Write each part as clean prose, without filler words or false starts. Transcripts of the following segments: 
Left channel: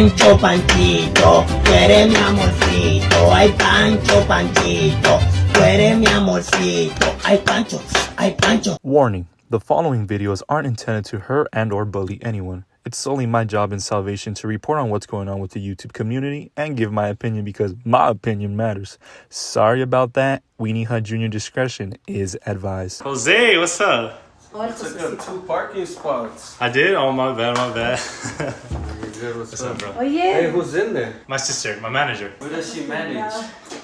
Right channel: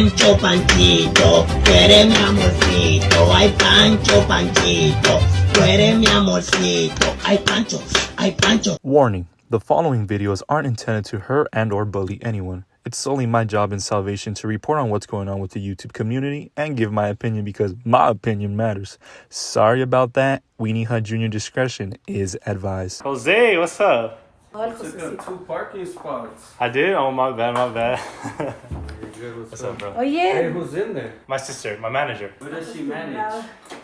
Pancho, Panchito, tú eres mi amorcito. Ay, Pancho, Panchito, tú eres mi amorcito. Ay, Pancho, ay, Pancho. Warning, the following videos aren't intended to hurt and or bully anyone. It's solely my job in salvation to report on what's going on with the YouTube community and give my opinion because my opinion matters. Sorry about that. Weenie Hut Jr. discretion is advised. Jose, what's up? You took up 2 parking spots. I did? Oh, my bad, my bad. You're good. What's up, bro? Oh yeah. Hey, who's in there? My sister, my manager. What does she manage?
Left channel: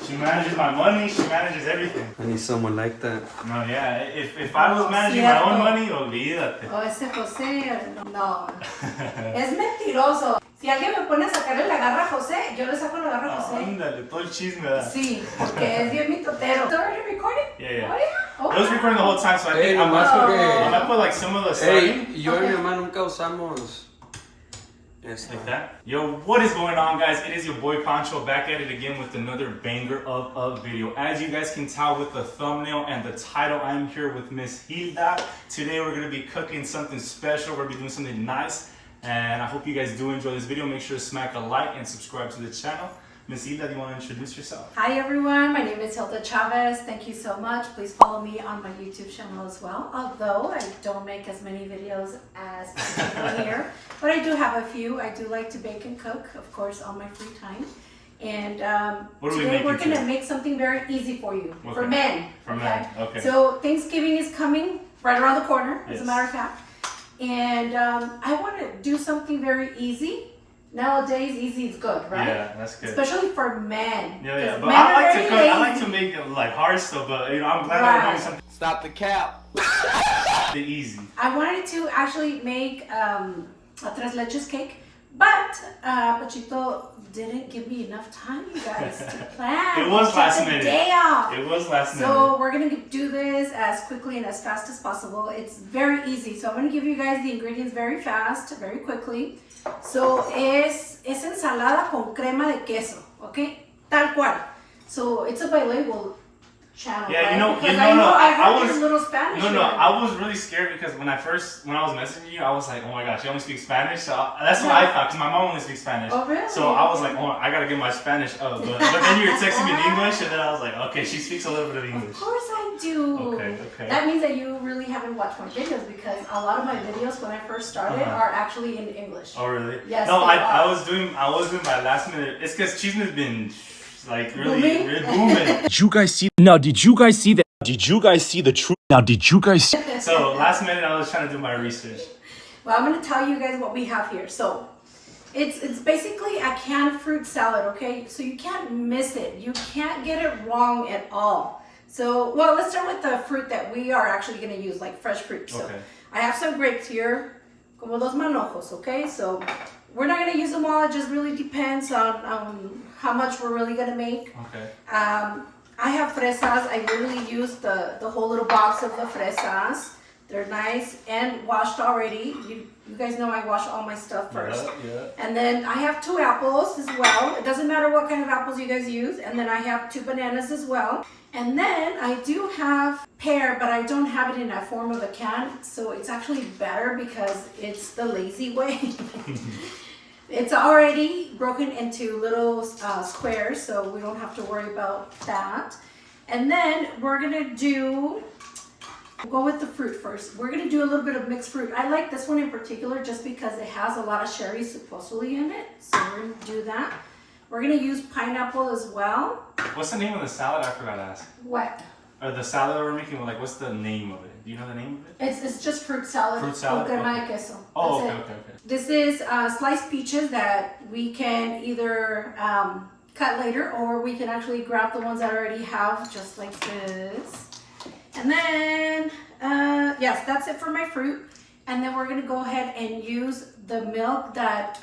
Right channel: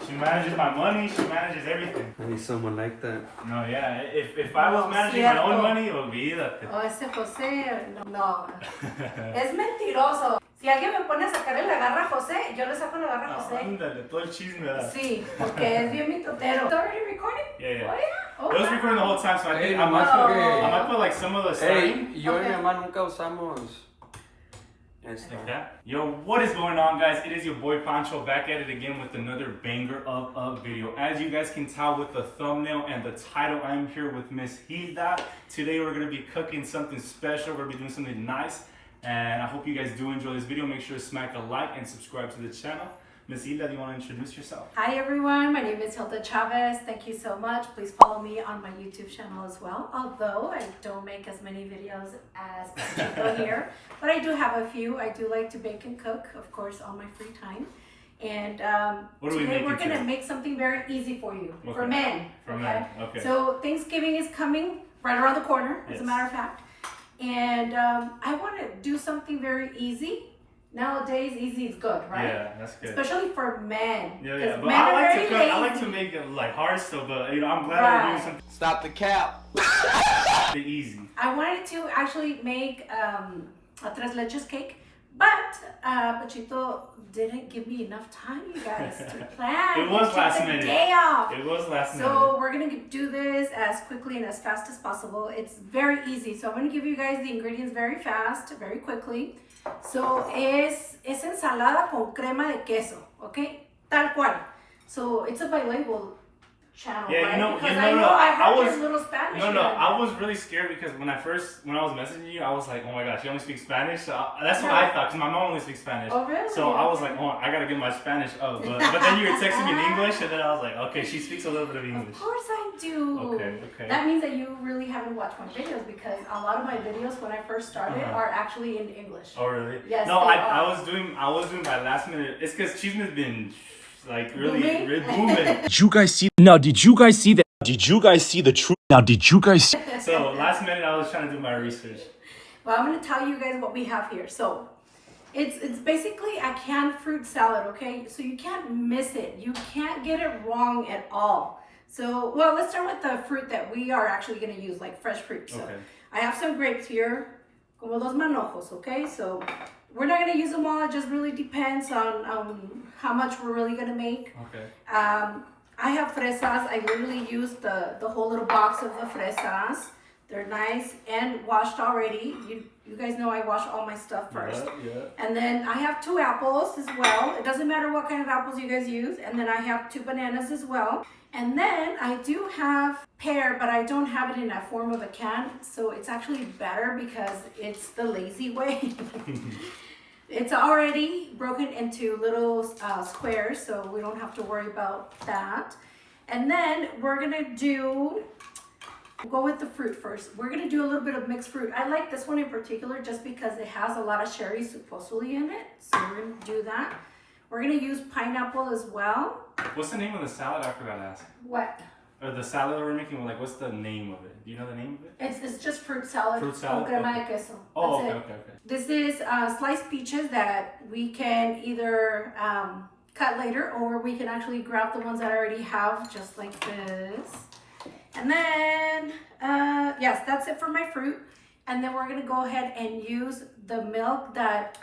She manages my money, she manages everything. I need someone like that. No, yeah, if I was managing my own money, olvídate. Oh, ese José, no. Es mentiroso. Si alguien me pone a sacarle la garra a José, yo le saco la garra a José. Ándale, todo el chisme, ¿verdad? Sí, porque es bien mitotero. It's already recording? Yeah, yeah. Oh, yeah? Oh, It was recording the whole time, so I think I'm nomás gonna porque... put like some of the Hey, starting. yo y Okay. mi mamá nunca usamos esta. Like that. Yo, what is going on, guys? It is your boy Pancho back at it again with another banger of a video. As you guys can tell with the thumbnail and the title, I'm here with Miss Hilda. Today we're gonna be cooking something special. We're gonna be doing something nice, and I hope you guys do enjoy this video. Make sure to smack a like and subscribe to the channel. Miss Hilda, do you want to introduce yourself? Hi everyone, my name is Hilda Chavez. Thank you so much. Please follow me on my YouTube channel as well. Although I don't make as many videos as people here, but I do have a few. I do like to bake and cook, of course, on my free time. And today we're going to make something very easy for you, Okay. for men. For men, okay. So Thanksgiving is coming right around the corner, as Yes. a matter of fact. And I want to do something very easy. Nowadays, easy is good, right? Yeah, that's good. Especially for men. Yeah, yeah, 'Cause but men I are like to very cook. lazy. I like to make it like hard stuff, but you know, I'm glad I'm doing Right. something Stop the cap. easy. I wanted to actually make a tres leches cake, but Pachito didn't give me enough time, you guys, to plan. It was He took last the minute. day off. It was last minute. So we're gonna do this as quickly and as fast as possible. It's very easy. So I'm gonna give you guys the ingredients very fast, very quickly. So es ensalada con crema de queso, okay? Tal cual. So it's a bilingual channel, Yeah, right? you know, Because you know, I know no, I I heard was- your little Spanish. No, here. I was really scared because when I was messaging you, I was like, oh my gosh, you only speak Spanish? So that's what I thought, because my mom only speaks Spanish. Oh, really? So I was like, oh, I gotta get my Spanish up. But then you were texting me in English, and then I was like, okay, she speaks a little bit of English. Of course I do. Okay, okay. That means that you really haven't watched my videos because a lot of my videos when I first started are actually in English. Oh, really? Yes, No, they I are. was doing my last minute. It's because Chisme's been like really, Booming? really booming. Did you guys see? Now, did you guys see that? Did you guys see the truth? Now, did you guys see? So last minute, I was trying to do my research. Well, I'm gonna tell you guys what we have here. So it's basically a canned fruit salad, okay? So you can't miss it. You can't get it wrong at all. So, well, let's start with the fruit that we are actually gonna use, like fresh fruit. So Okay. I have some grapes here, como dos manojos, okay? So we're not gonna use them all. It just really depends on how much we're really gonna make. Okay. I have fresas. I literally used the whole little box of the fresas. They're nice and washed already. You guys know I wash all my stuff first. Yeah. And then I have 2 apples as well. It doesn't matter what kind of apples you guys use. And then I have 2 bananas as well. And then I do have pear, but I don't have it in a form of a can. So it's actually better because it's the lazy way. It's already broken into little squares, so we don't have to worry about that. And then we're gonna we'll go with the fruit first. We're gonna do a little bit of mixed fruit. I like this one in particular just because it has a lot of cherries supposedly in it. So we're gonna do that. We're gonna use pineapple as well. What's the name of the salad? I forgot to ask. What? Or the salad that we're making, like, what's the name of it? Do you know the name of it? It's just fruit salad. Fruit salad? Con crema Okay. de queso. Oh, That's okay, it. okay. This is sliced peaches that we can either cut later or we can actually grab the ones that I already have just like this. And then, yes, that's it for my fruit. And then we're gonna go ahead and use the milk that,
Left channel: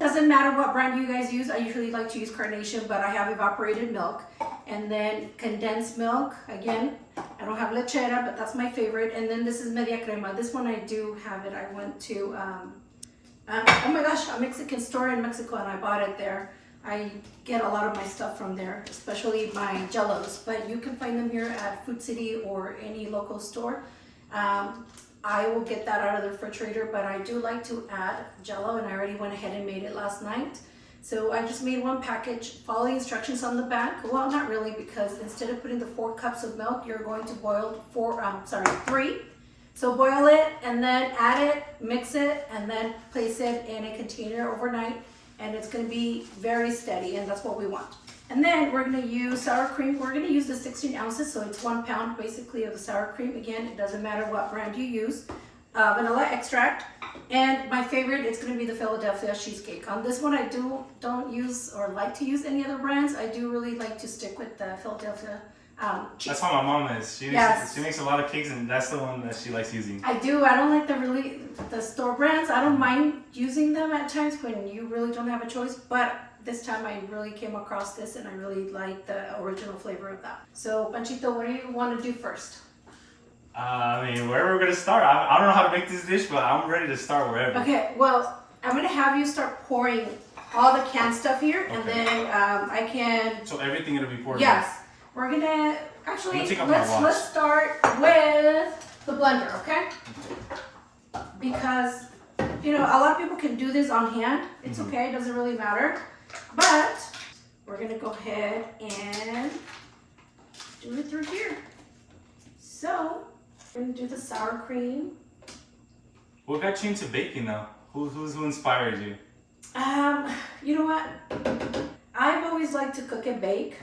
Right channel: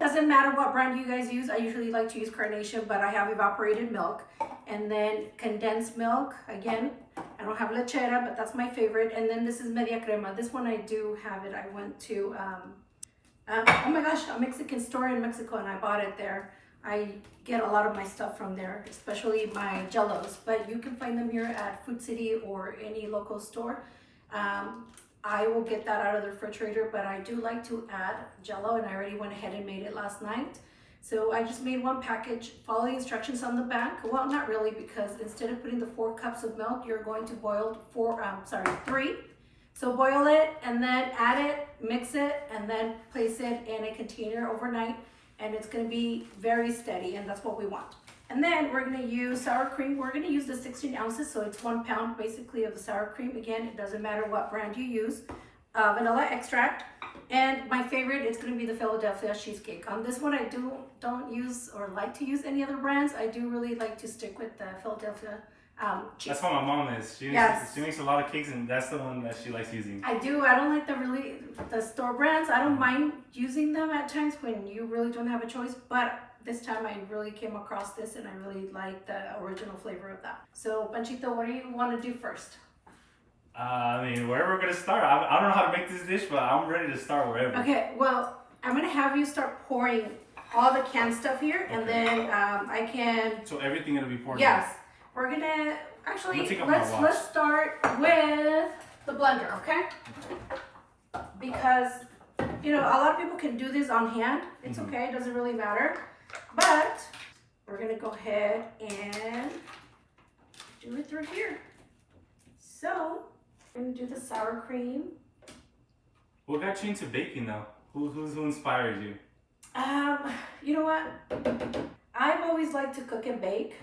doesn't matter what brand you guys use. I usually like to use Carnation, but I have evaporated milk. And then condensed milk, again, I don't have lechera, but that's my favorite. And then this is media crema. This one I do have it. I went to, oh my gosh, a Mexican store in Mexico and I bought it there. I get a lot of my stuff from there, especially my jellos, but you can find them here at Food City or any local store. I will get that out of the refrigerator, but I do like to add jello and I already went ahead and made it last night. So I just made one package. Follow the instructions on the back. Well, not really, because instead of putting the 4 cups of milk, you're going to boil 3. So boil it and then add it, mix it, and then place it in a container overnight. And it's going to be very steady, and that's what we want. And then we're going to use sour cream. We're going to use the 16 ounces, so it's 1 pound basically of the sour cream. Again, it doesn't matter what brand you use. Vanilla extract. And my favorite, it's going to be the Philadelphia cheesecake. On this one, I don't use or like to use any other brands. I do really like to stick with the Philadelphia cheese. That's how my mom is. She makes a lot of cakes, and that's the one that she likes using. I do. I don't like the store brands. I don't mind using them at times when you really don't have a choice. But this time I really came across this, and I really like the original flavor of that. So, Panchito, what do you want to do first? I mean, wherever we're gonna start. I don't know how to make this dish, but I'm ready to start wherever. Okay, well, I'm gonna have you start pouring all the canned stuff here, and then I can. So everything gonna be poured. Yes, we're gonna actually let's let's start with the blender, okay? Because a lot of people can do this on hand. It's okay, it doesn't really matter. But we're gonna go ahead and do it through here. So. We're gonna do the sour cream. What got you into baking now? Who inspired you? You know what? I've always liked to cook and bake.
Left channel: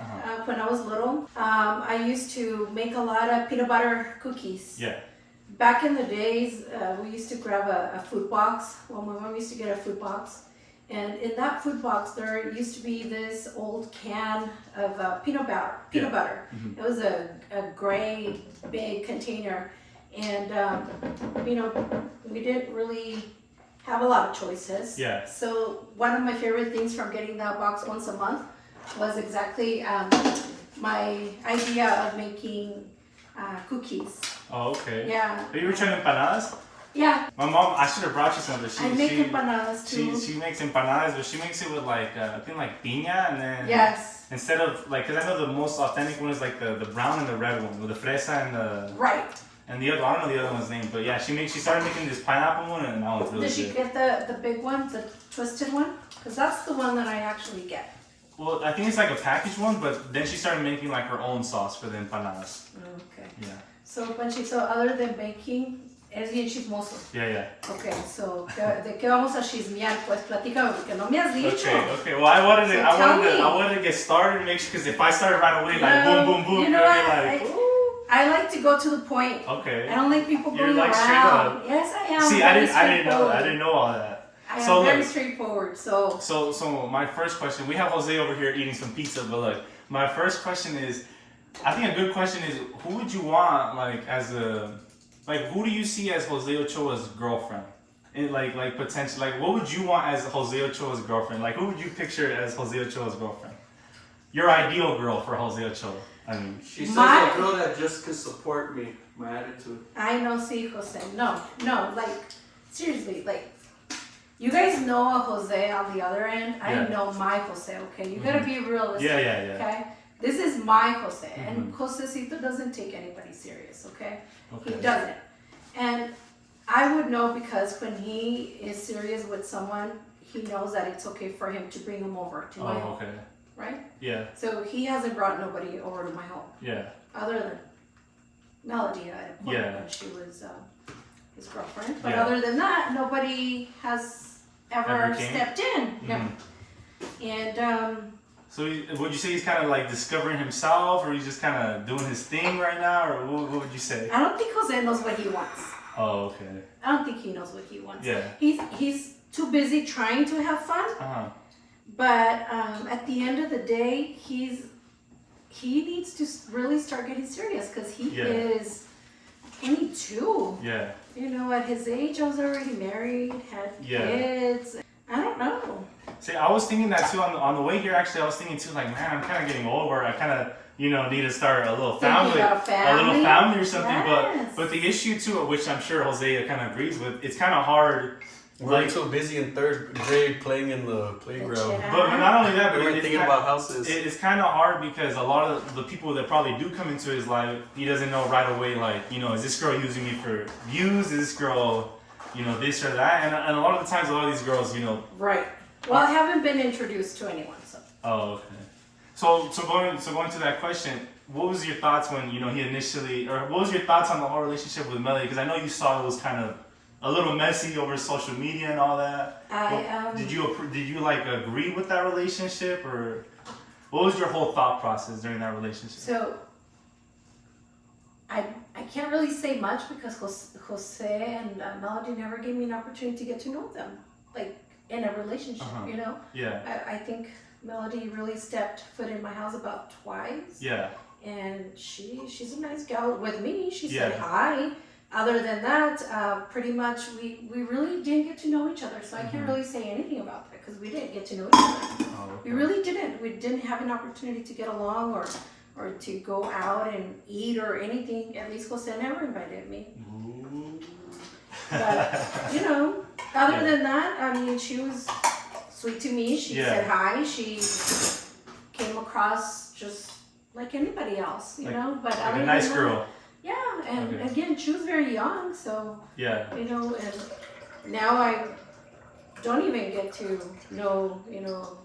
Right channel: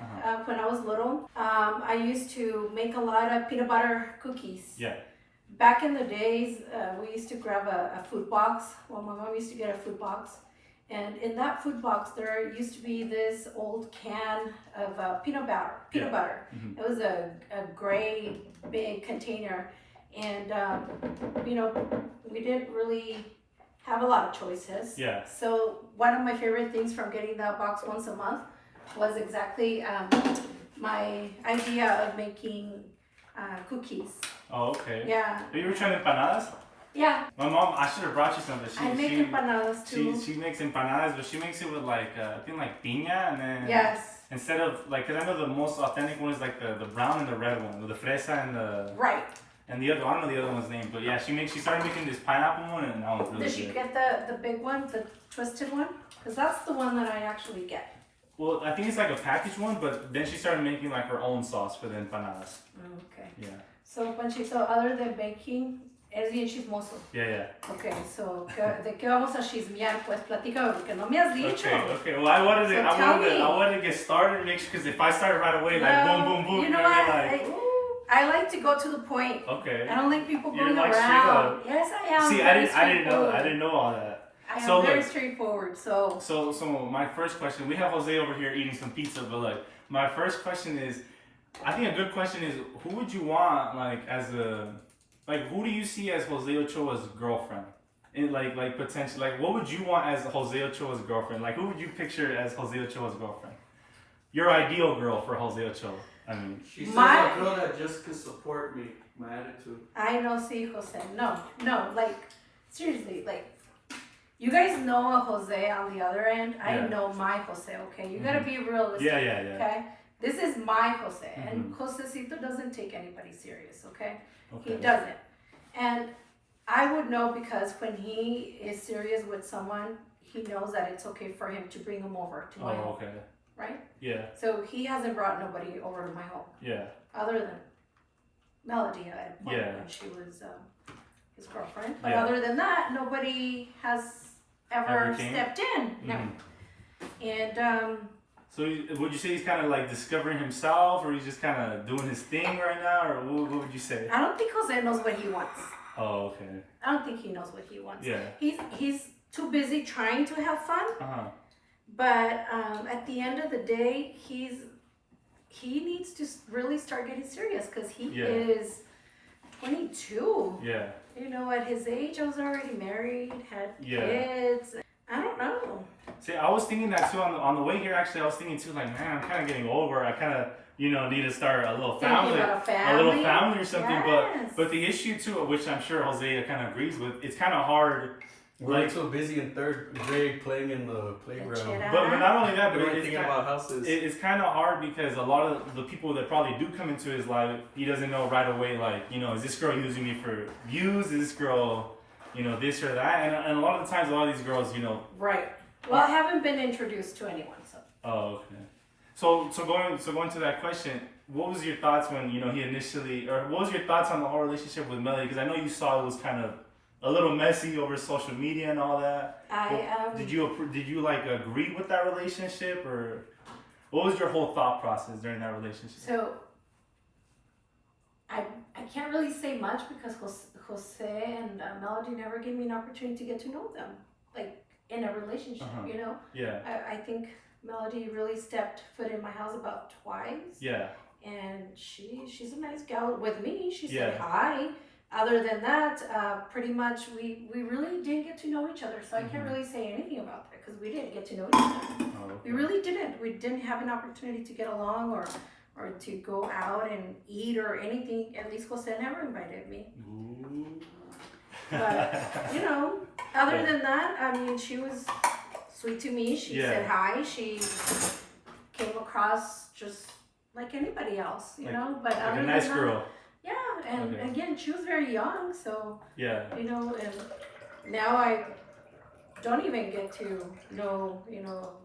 When I was little, I used to make a lot of peanut butter cookies. Yeah. Back in the days, we used to grab a food box. Well, my mom used to get a food box. And in that food box, there used to be this old can of peanut butter. Mm-hmm. It was a gray, big container. And, we didn't really have a lot of choices. Yeah. So one of my favorite things from getting that box once a month was exactly my idea of making cookies. Oh, okay. Yeah. Have you ever tried empanadas? Yeah. My mom, I should have brought you some, but I make empanadas too. She makes empanadas, but she makes it with I think piña, and then yes. Instead of because I know the most authentic one is like the brown and the red one with the fresa and the right. And the other, I don't know the other one's name, but yeah, she started making this pineapple one, and that one's really good. Did she get the big one, the twisted one? Because that's the one that I actually get. Well, I think it's like a packaged one, but then she started making like her own sauce for the empanadas. Okay. Yeah. So, Panchito, other than baking, eres bien chismoso. Yeah. Okay, so, ¿de qué vamos a chismear? Pues platícame, porque no me has dicho. Okay. Well, I wanted to get started, because if I started right away, like boom, you know what? I like to go to the point. Okay. I don't like people going like around. Yes, I am. See, I didn't know all that. I am very straightforward. So my first question, we have Jose over here eating some pizza, but look, my first question is, I think a good question is, who would you want who do you see as Jose Ochoa's girlfriend? Potentially, what would you want as Jose Ochoa's girlfriend? Like, who would you picture as Jose Ochoa's girlfriend? Your ideal girl for Jose Ochoa. I mean, she says a girl that just can support me, my attitude. I know, see, Jose. No, seriously, you guys know a Jose on the other end. Yeah. I know my Jose, okay? You gotta be realistic. Yeah. Okay? This is my Jose. And Josecito doesn't take anybody serious, okay? He doesn't. And I would know because when he is serious with someone, he knows that it's okay for him to bring them over to my home. Okay. Right? Yeah. So he hasn't brought nobody over to my home. Yeah. Other than Melody at a point when she was his girlfriend. But other than that, nobody has ever stepped in. No. And so would you say he's kind of discovering himself, or he's just kind of doing his thing right now, or what would you say? I don't think Jose knows what he wants. Oh, okay. I don't think he knows what he wants. Yeah. He's too busy trying to have fun. But at the end of the day, he needs to really start getting serious because he is 22. Yeah. At his age, I was already married, had kids. I don't know. See, I was thinking that too on the way here. Actually, I was thinking too, man, I'm kind of getting older. I kind of, need to start a little family, or something. Yes. But the issue too, which I'm sure Jose kind of agrees with, it's kind of hard. We're so busy in third grade playing in the playground. But not only that, but we're thinking about houses. It's kind of hard because a lot of the people that probably do come into his life, he doesn't know right away, is this girl using me for views? Is this girl, this or that? And a lot of the times, a lot of these girls, Right. Well, I haven't been introduced to anyone, so. Oh, okay. So going to that question, what was your thoughts when he initially, or what was your thoughts on the whole relationship with Melody? Because I know you saw it was kind of a little messy over social media and all that. Did you like agree with that relationship, or what was your whole thought process during that relationship? So I can't really say much because Jose and Melody never gave me an opportunity to get to know them, like in a relationship, Yeah. I think Melody really stepped foot in my house about twice. Yeah. And she's a nice gal with me. She said Yeah. hi. Other than that, pretty much we really didn't get to know each other. So I can't really say anything about that because we didn't get to know each other. Oh, okay. We really didn't. We didn't have an opportunity to get along or to go out and eat or anything. At least Jose never invited me. Ooh. But, other than that, I mean, she was sweet to me. She said hi. She came across just like anybody else, But Like other a nice than girl. That, yeah, and Okay. again, she was very young, so, Yeah. and now I don't even get to know,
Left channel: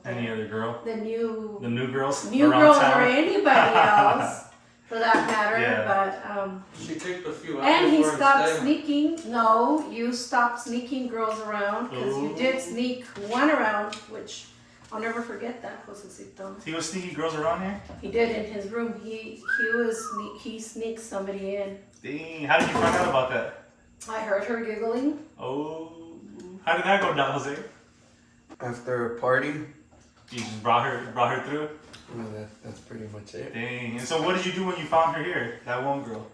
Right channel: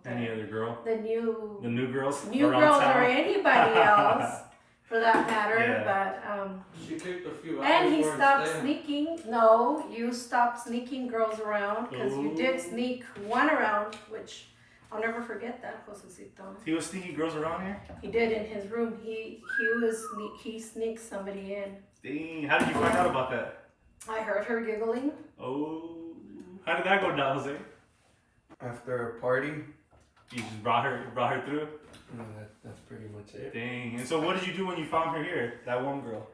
Any other girl? the new girls? new around girls town? or anybody else for that matter. Yeah. But She kicked a few out and he before stopped staying. sneaking. No, you stopped sneaking girls around because you Ooh. did sneak one around, which I'll never forget that, Josecito. He was sneaking girls around here? He did in his room. He sneaked somebody in. Dang, how did you find out about that? I heard her giggling. Oh, how did that go down, Jose? After a party, You just brought her through? well, that's pretty much it. Dang, and so what did you do when you found her here, that one girl?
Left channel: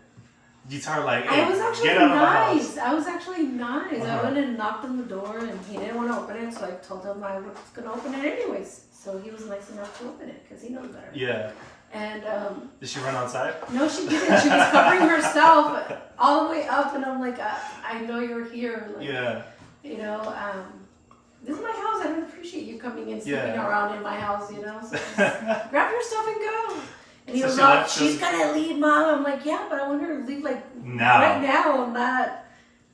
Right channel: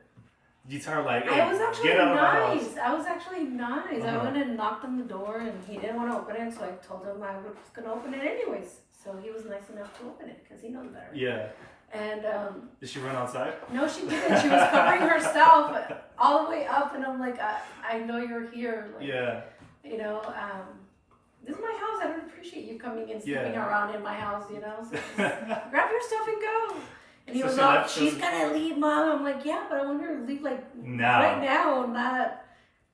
Did you tell her like, hey, I was actually get out of my nice. house? I was actually nice. I Uh-huh. went and knocked on the door and he didn't want to open it, so I told him I was going to open it anyways. So he was nice enough to open it because he knows better. Yeah. And Did she run outside? no, she didn't. She was covering herself all the way up, and I'm like, I know you're here. Like, Yeah. This is my house. I don't appreciate you coming and sleeping Yeah. around in my house, So just grab your stuff and go. And he So was she like, left, she's gonna leave, Mom. I'm like, yeah, but I want her to leave like Now. right now, not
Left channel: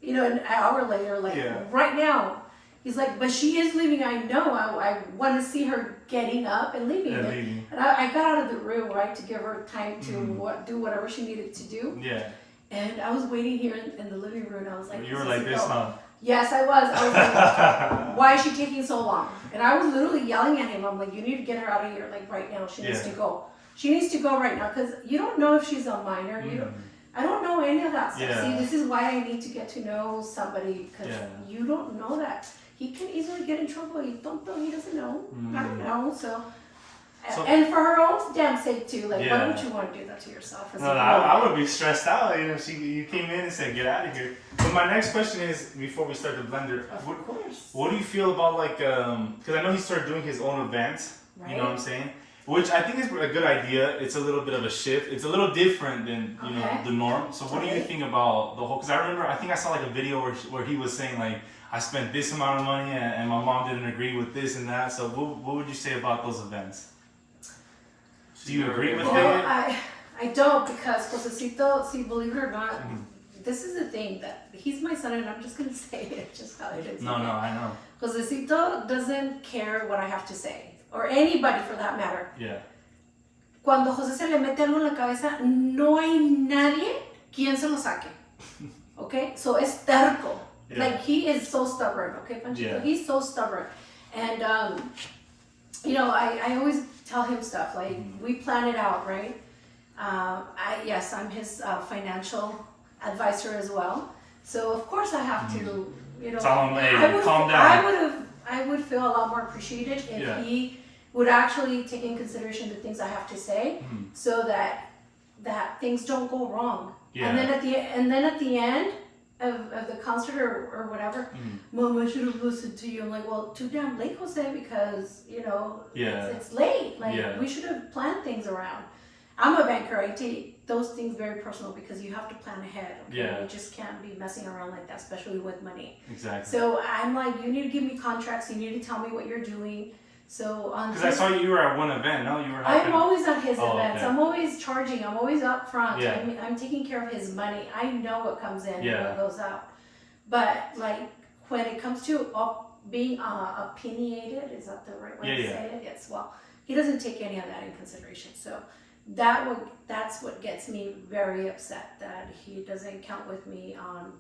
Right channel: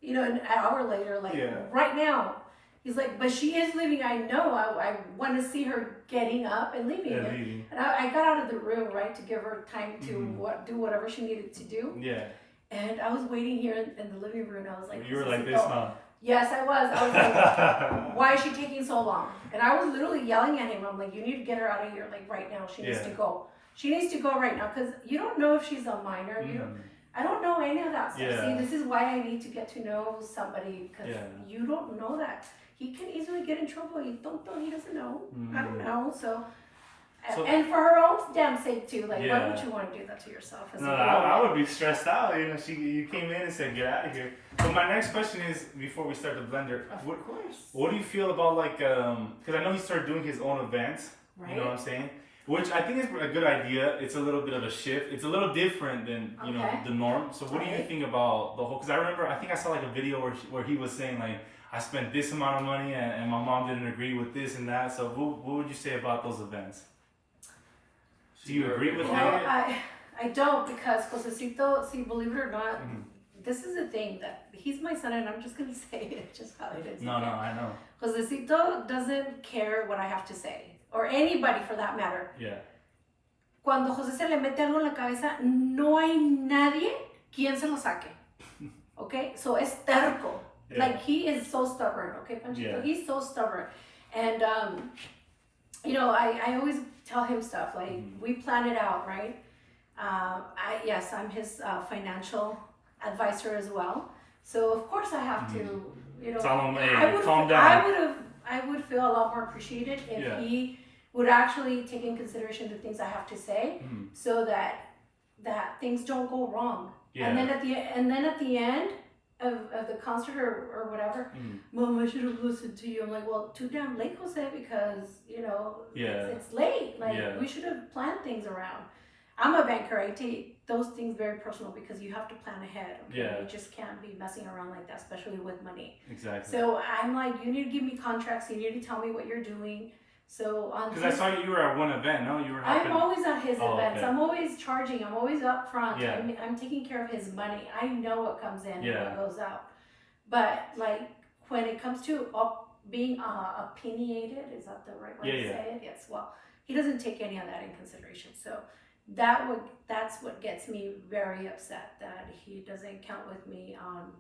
an hour later, like Yeah. right now. He's like, but she is leaving. I know. I want to see her getting up and leaving. Yeah, leaving. And I got out of the room, right, to give her time to do whatever she needed to do. Yeah. And I was waiting here in the living room. And I was like, You were like this, huh? Yes, I was. I was like, why is she taking so long? And I was literally yelling at him. I'm like, you need to get her out of here, like right now. She needs to go. She needs to go right now because you don't know if she's a minor. I don't know any of that stuff. Yeah. See, this is why I need to get to know somebody because you don't know that. He can easily get in trouble. You don't know. He doesn't know. I don't know. So, and for her own damn sake too. Like, why would you want to do that to yourself? As No, I would be stressed out. You came in and said, get out of here. So my next question is, before we start the blender, Of course. what do you feel about like, because I know he started doing his own events. Right. You know what I'm saying? Which I think is a good idea. It's a little bit of a shift. It's a little different than the norm. So what do you think about the whole? Because I think I saw like a video where he was saying like, I spent this amount of money and my mom didn't agree with this and that. So what would you say about those events? Do you agree with it? I don't because Josecito, see, believe it or not, this is the thing that he's my son and I'm just going to say it just how it is. No, I know. Josecito doesn't care what I have to say or anybody for that matter. Yeah. Cuando José se le mete algo en la cabeza, no hay nadie quien se lo saque. Okay? So es terco. Yeah. Like he is so stubborn. Okay, Pancho? Yeah. He's so stubborn. And, I always tell him stuff like we plan it out, right? Yes, I'm his financial advisor as well. So of course I have to, Tell him, hey, calm down. I would feel a lot more appreciated if Yeah. he would actually take in consideration the things I have to say, so that things don't go wrong. Yeah. And then at the end of the concert or whatever, Mom, I should have listened to you. I'm like, well, too damn late, Jose, because it's late. Like we should have planned things around. I'm a banker. I take those things very personal because you have to plan ahead. Okay? Yeah. You just can't be messing around like that, especially with money. Exactly. So I'm like, you need to give me contracts. You need to tell me what you're doing. So on Because I saw you were at one event, no? You were. I'm always at his events. Okay. I'm always charging. I'm always up front. Yeah. I'm taking care of his money. I know what comes in Yeah. and what goes out. But like when it comes to being opinionated, is that the right way to Yeah, say it? Yes. Well, he doesn't take any of that in consideration. So that's what gets me very upset, that he doesn't count with me on,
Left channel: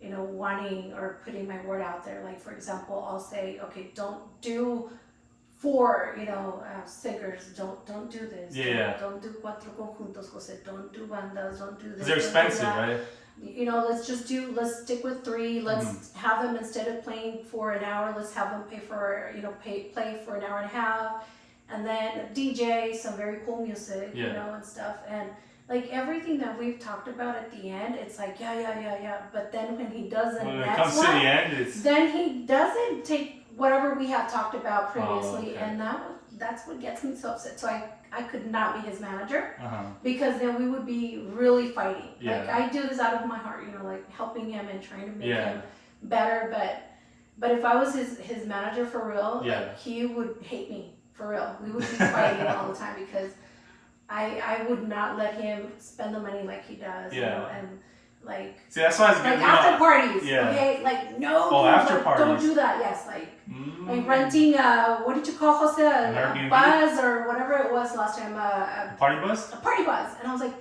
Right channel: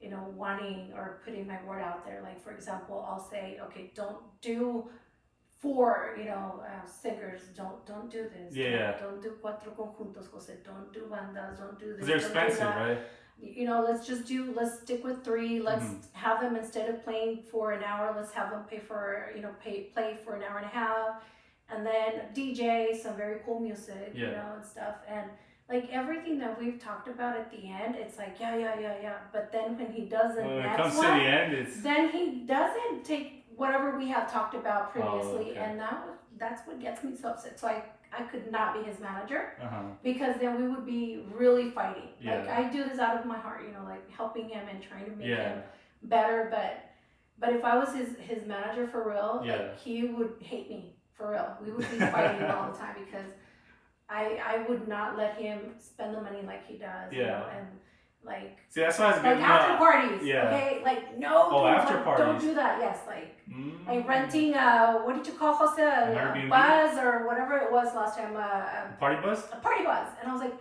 you know, wanting or putting my word out there. Like, for example, I'll say, okay, don't do four, you know, singers, don't do this. Yeah. Don't do cuatro conjuntos, Jose. Don't do bandas. Don't do this. They're don't do expensive, that. right? You know, let's stick with three. Let's have them, instead of playing for an hour, let's have them play for an hour and a half, and then DJ some very cool music, you know, and stuff. And like everything that we've talked about at the end, it's like yeah. But then when he does the When it next comes one, to the end, it's then he doesn't take whatever we had talked about previously, okay. and that's what gets me so upset. So I could not be his manager, uh-huh. because then we would be really fighting. Yeah. Like, I do this out of my heart, you know, like helping him and trying to make Yeah. him better. But if I was his manager for real, Yeah. like, he would hate me for real. We would be fighting all the time, because I would not let him spend the money like he does. You Yeah. know, and like See, that's why it's good. like after parties, Yeah. okay? Like, no, Oh, dude, after like, parties. don't do that. Yes, like Mm. renting what did you call Jose? A Airbnb? bus or whatever it was last time. Party bus? A party bus, and I was like,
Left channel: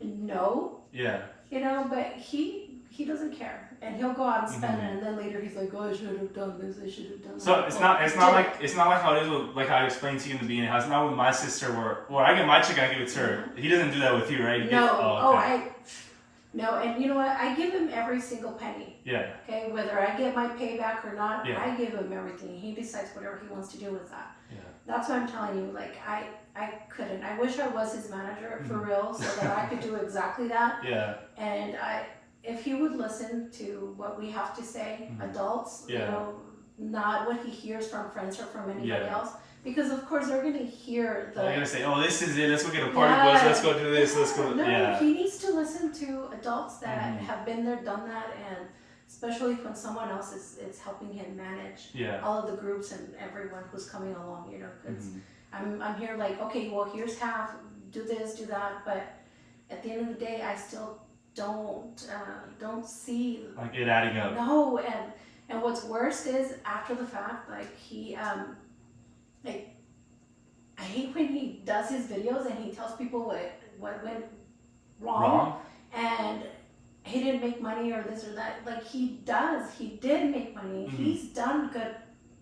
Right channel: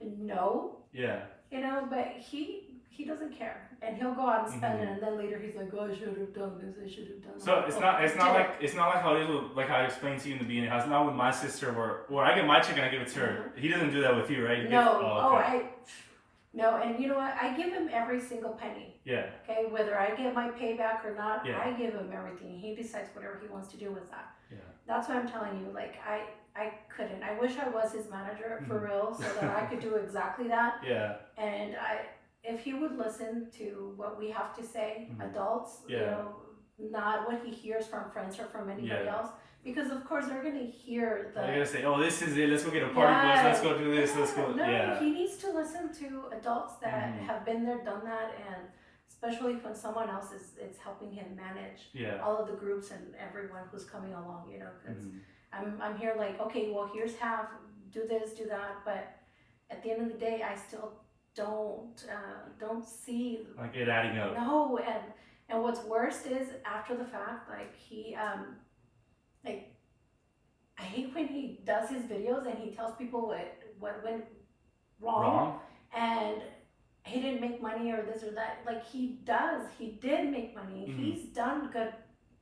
no, Yeah. you know. But he doesn't care, and he'll go out and spend it, and then later he's like, oh, I should have done this. I should have done that. So it's not like how it is with, like how I explained to you in the beginning. How it's not with my sister where I get my chicken, I give it to her. He doesn't do that with you, right? No, Okay. no, and you know what? I give him every single penny. Yeah. Okay, whether I get my payback or not, Yeah. I give him everything. He decides whatever he wants to do with that. Yeah. That's what I'm telling you. Like, I couldn't. I wish I was his manager for real, so that I could do exactly that. Yeah. And if he would listen to what we have to say, adults, you Yeah. know, not what he hears from friends or from anybody Yeah. else, because of course they're gonna hear the. They're gonna say, "Oh, this is it. Let's go get a party bus. Yeah. Let's go do this. Let's go." No, Yeah. he needs to listen to adults that have been there, done that, and especially when someone else is helping him manage Yeah. all of the groups and everyone who's coming along, you know, because I'm here like, okay, well, here's half, do this, do that, but at the end of the day, I still don't see Like it adding up. no. And what's worst is after the fact, like he like, I hate when he does his videos and he tells people what went wrong. And he didn't make money or this or that. Like, he did make money. He's done good,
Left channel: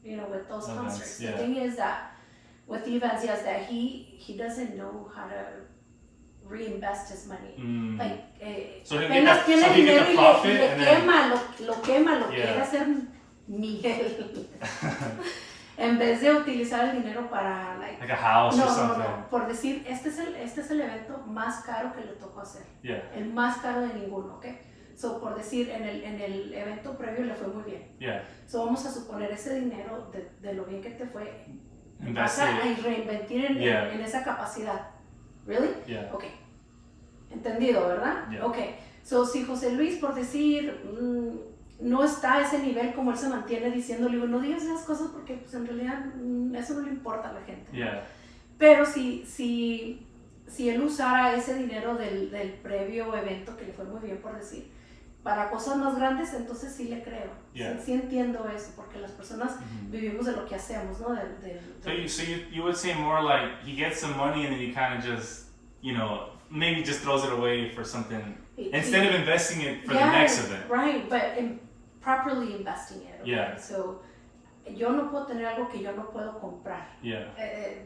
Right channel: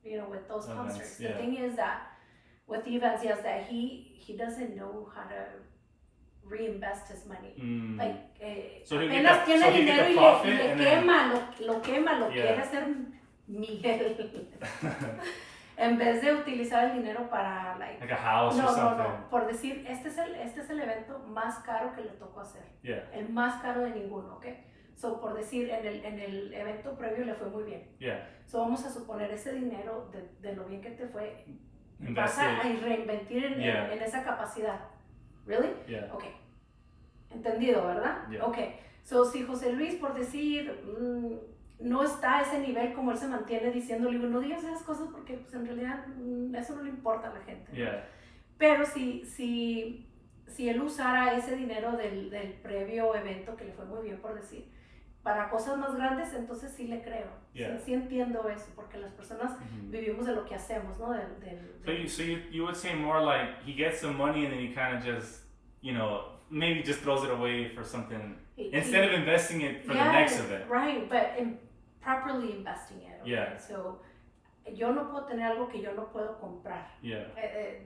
you know, with those concerts. Yeah. The thing is that with the events, yes, that he doesn't know how to reinvest his money. Like, So he apenas get tiene the dinero y profit le and then- quema, lo quema, lo Yeah. quiere hacer Miguel. En vez de utilizar el dinero para, like a house or something. No, por decir, este es el evento más caro que le tocó hacer. Yeah. El más caro de ninguno, ¿ok? So, por decir, en el evento previo le fue muy bien. Yeah. So, vamos a suponer ese dinero de lo bien que te fue, Invest vas a it. reinvertir en esa capacidad. Really? Yeah. Ok. Entendido, ¿verdad? Yeah. Ok. So, si José Luis, por decir, no está a ese nivel como él se mantiene diciendo, le digo, no digas esas cosas porque pues, en realidad eso no le importa a la gente. Yeah. Pero si él usara ese dinero del previo evento, que le fue muy bien por decir, para cosas más grandes, entonces sí le creo. Yeah. Sí entiendo eso, porque las personas vivimos de lo que hacemos, ¿no? So you would say more like he gets some money and then he kind of just, you know, maybe just throws it away for something instead of investing it for the next event. Right, but properly investing it. Okay? Yeah. So, yo no puedo tener algo que yo no puedo comprar. Yeah.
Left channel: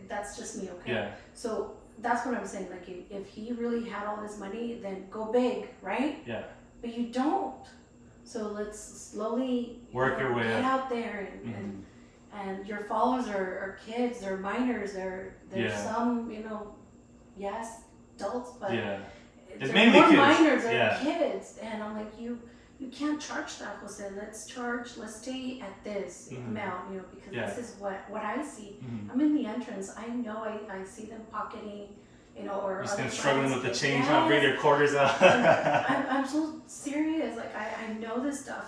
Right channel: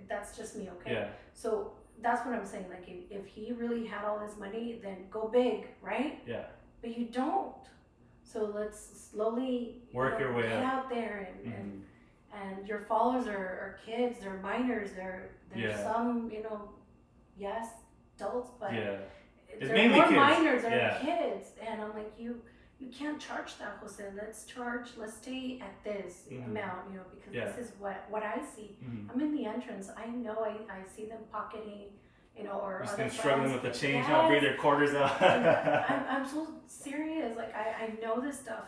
That's just me, okay? Yeah. So that's what I'm saying. Like, if he really had all his money, then go big, right? Yeah. But you don't. So let's slowly Work your way get up. out there and your followers are kids, they're minors, they're some, you know, yes, adults, but Yeah. It's they're mainly more kids. minors, they're Yeah. kids, and I'm like, you can't charge that, Jose. Let's stay at this amount, you know, because Yeah. this is what I see. I'm in the entrance. I know I see them pocketing, you know, or Just other been struggling friends. with the change, trying to bring their quarters out. I'm so serious. Like, I know this stuff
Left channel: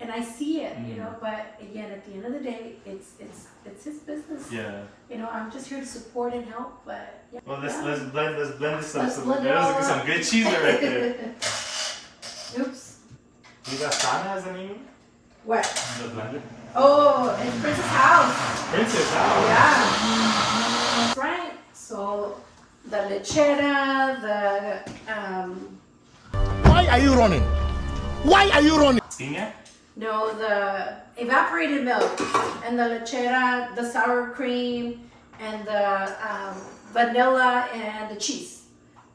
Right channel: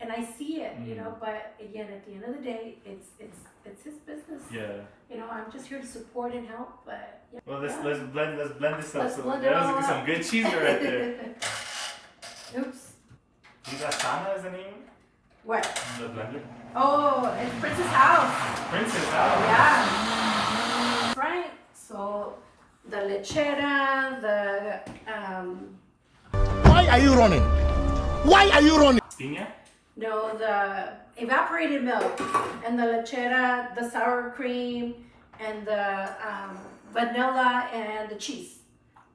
and I see it, you know. But again, at the end of the day, it's his business. Yeah. You know, I'm just here to support and help. But yeah. Well, let's blend this up. Let's So blend it there's all some up. good cheese right there. Oops. You got sana as a name? What? The blender. Oh, it's Princess House. Princess House. Yeah. That's right. So the lechera, the Why are you running? Why are you running? Piña? no, the evaporated milk and the lechera, the sour cream, and the vanilla and the cheese.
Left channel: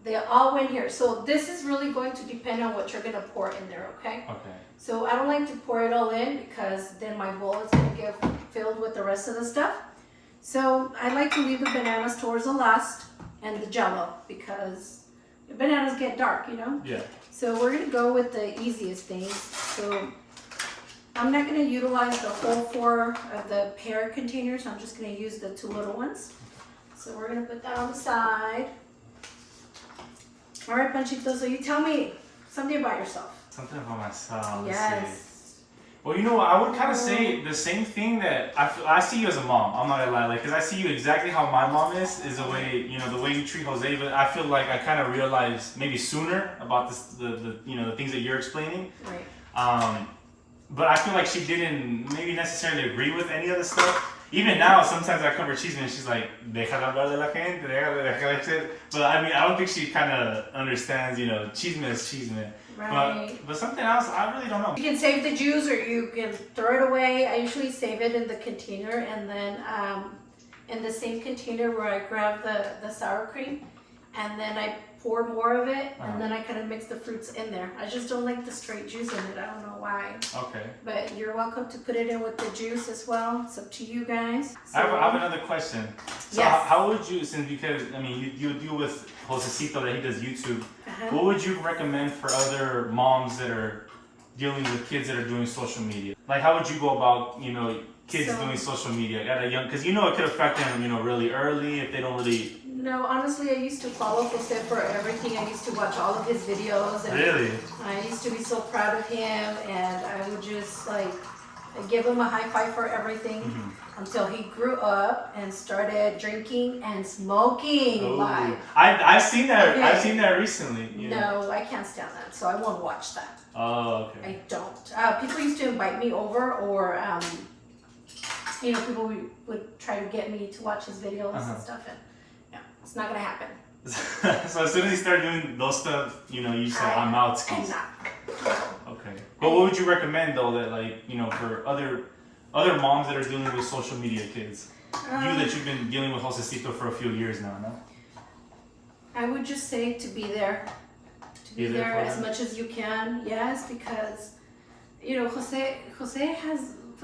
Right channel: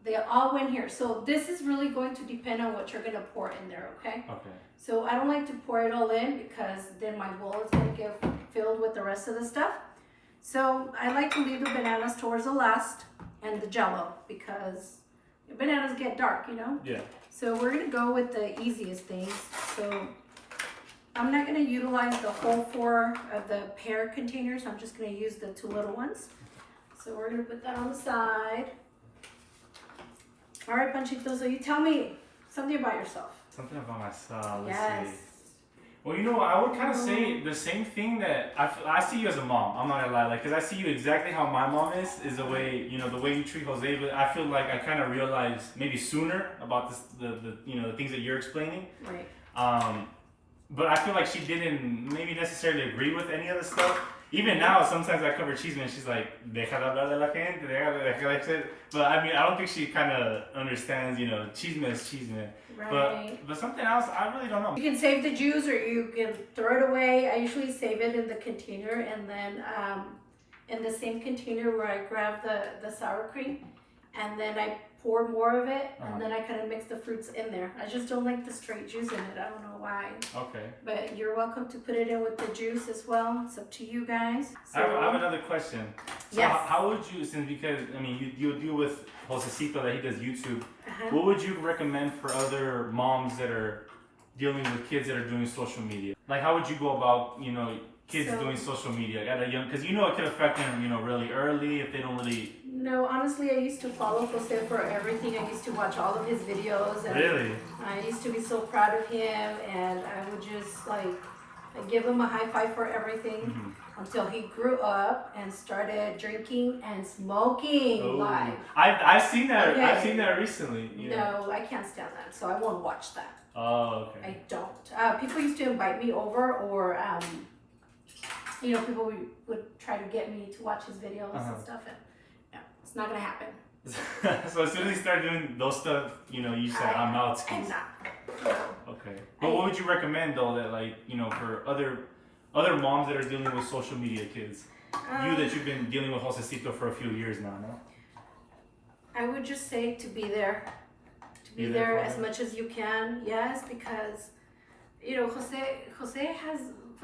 They all went here. So this is really going to depend on what you're gonna pour in there, okay? Okay. So I don't like to pour it all in because then my bowl is gonna get filled with the rest of the stuff. So I like to leave the bananas towards the last and the jello because the bananas get dark, you know? Yeah. So we're gonna go with the easiest things. So I'm not gonna utilize the whole 4 of the pear containers. I'm just gonna use the 2 little ones. So we're gonna put that on the side. All right, Panchito, so you tell me something about yourself. Something about myself. Let's Yes. see. Well, you know what? I would kind of say the same thing that I see you as a mom. I'm not gonna lie, like, cause I see you exactly how my mom is the way, you know, the way you treat Jose. But I feel like I kind of realized maybe sooner about this, the you know, the things that you're explaining. Right. But I feel like she didn't maybe necessarily agree with any of the stuff. Even now, sometimes I cover Chisme and she's like, deja de hablar de la gente, deja de. But I mean, I don't think she kind of understands, you know, Chisme is Chisme. Right. But something else, I really don't know. You can save the juice or you can throw it away. I usually save it in the container and then in the same container where I grab the sour cream and then I pour more of it and then I kind of mix the fruits in there. I just don't like the straight juice in it. I don't know why. Okay. But you're welcome to put it in with the juice as well. It's up to you guys. So, I have another question. So Yes. how would you, since because I mean you deal with Josecito that he does YouTube, uh-huh. what would you recommend for other moms that are dealing with kids that are doing social media? Like how would you go about, you know, kids So- doing social media at a young, because you know it could affect them, you know, really early if they don't really. No, honestly, I used to follow Jose for everything. I used to watch all of his videos. And Really? I used to be so proud of him, and I would just like give him a high five for everything until he grew up and started drinking and smoking live. I've seen that. Okay. I've seen that recently. You know? No, I can't stand that, so I won't watch that. Oh, okay. I don't. People used to invite me over, or you know, people would try to get me to watch his videos and stuff, and no, it's not gonna happen. So as soon as he started doing those stuff, you know, you said I'm out. I'm Skis. not. Okay. But what would you recommend though that like, you know, for other moms that are dealing with social media kids? You that you've been dealing with Josecito for a few years now, no? I would just say to be there. To be Be there there for as him? much as you can, yes, because you know, Jose has,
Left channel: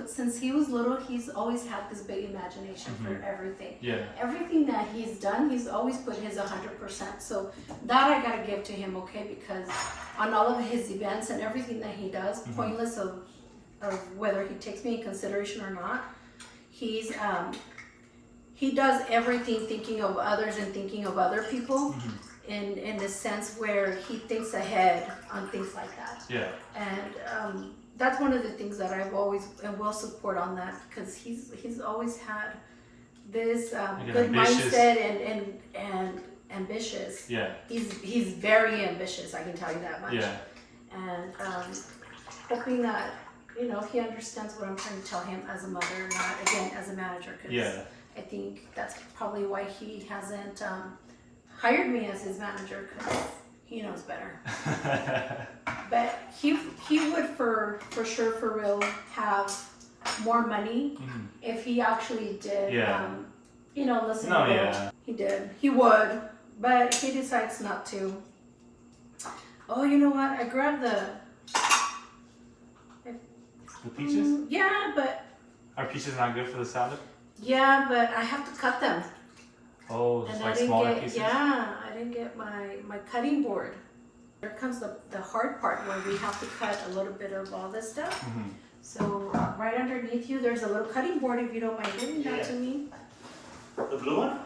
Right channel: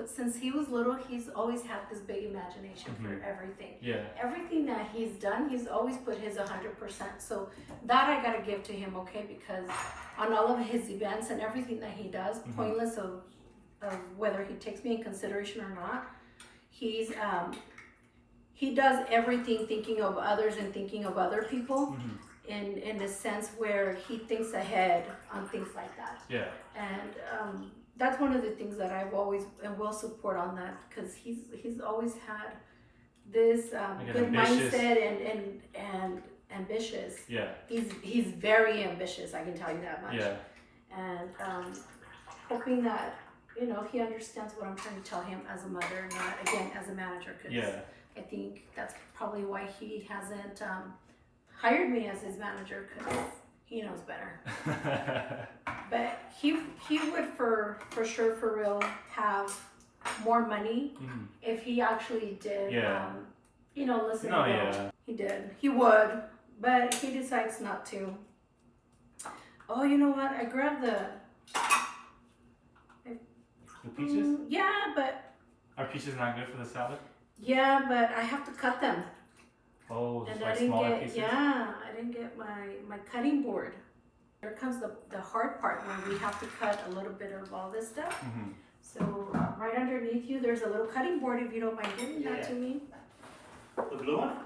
since he was little, he's always had this big imagination for everything. Yeah. Everything that he's done, he's always put his 100%. So that I gotta give to him, okay? Because on all of his events and everything that he does, pointless of whether he takes me in consideration or not, he's he does everything thinking of others and thinking of other people in a sense where he thinks ahead on things like that. Yeah. And that's one of the things that I've always and will support on that, because he's always had this good ambitious. mindset and ambitious. Yeah. He's very ambitious, I can tell you that much. Yeah. And hoping that, you know, he understands what I'm trying to tell him as a mother, not again as a manager, because Yeah. I think that's probably why he hasn't hired me as his manager, because he knows better. But he would for sure, for real, have more money if he actually did, Yeah. you know, listen No, a little. yeah. He did. He would, but he decides not to. Oh, you know what? I grabbed the peaches? yeah, but Are peaches not good for the salad? yeah, but I have to cut them. Oh, just And like I didn't smaller get, pieces? I didn't get my cutting board. Here comes the hard part where we have to cut a little bit of all this stuff. So right underneath you, there's a little cutting board, if you don't mind giving that to me. The blue one?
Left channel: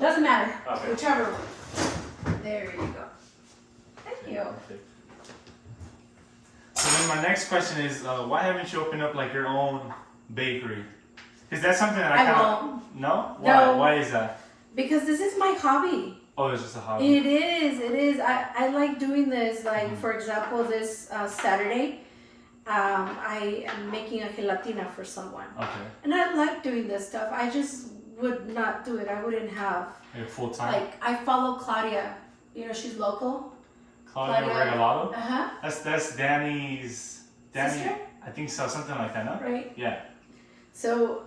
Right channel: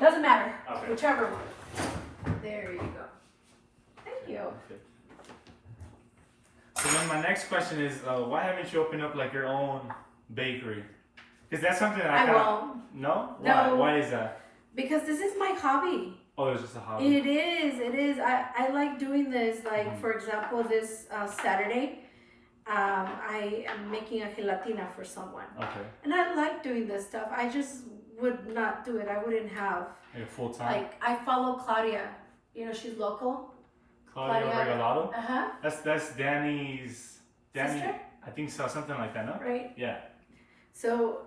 Doesn't matter, Okay. whichever one. There you go. Thank you. Perfect. So then my next question is, why haven't you opened up like your own bakery? Because that's something that I I kind of... won't. No? Why? No. Why is that? Because this is my hobby. Oh, it's just a hobby. It is. I like doing this. Like, for example, this Saturday, I am making a gelatina for someone. Okay. And I like doing this stuff. I just would not do it. I wouldn't have. Like full time. Like, I follow Claudia. You know, she's local. Claudia Regalado. Uh-huh. That's Danny's. Danny. Sister? I think so. Something like that. No. Right. Yeah. So,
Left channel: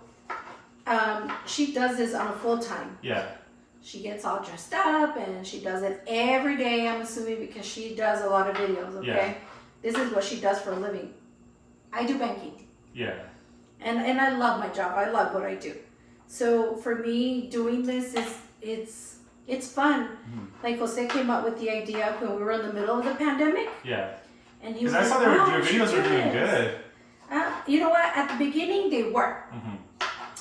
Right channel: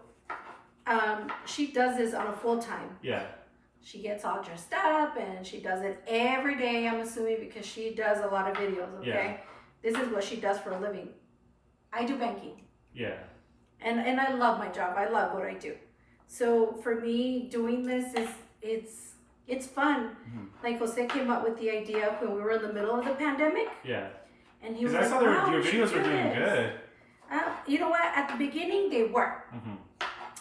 she does this on a full time. Yeah. She gets all dressed up and she does it every day, I'm assuming, because she does a lot of videos, okay? Yeah. This is what she does for a living. I do banking. Yeah. And I love my job. I love what I do. So for me, doing this it's fun. Mm-hmm. Like Jose came up with the idea when we were in the middle of the pandemic. Yeah. And he was like, I saw your videos were doing good. You know what? At the beginning, they were. Mm-hmm.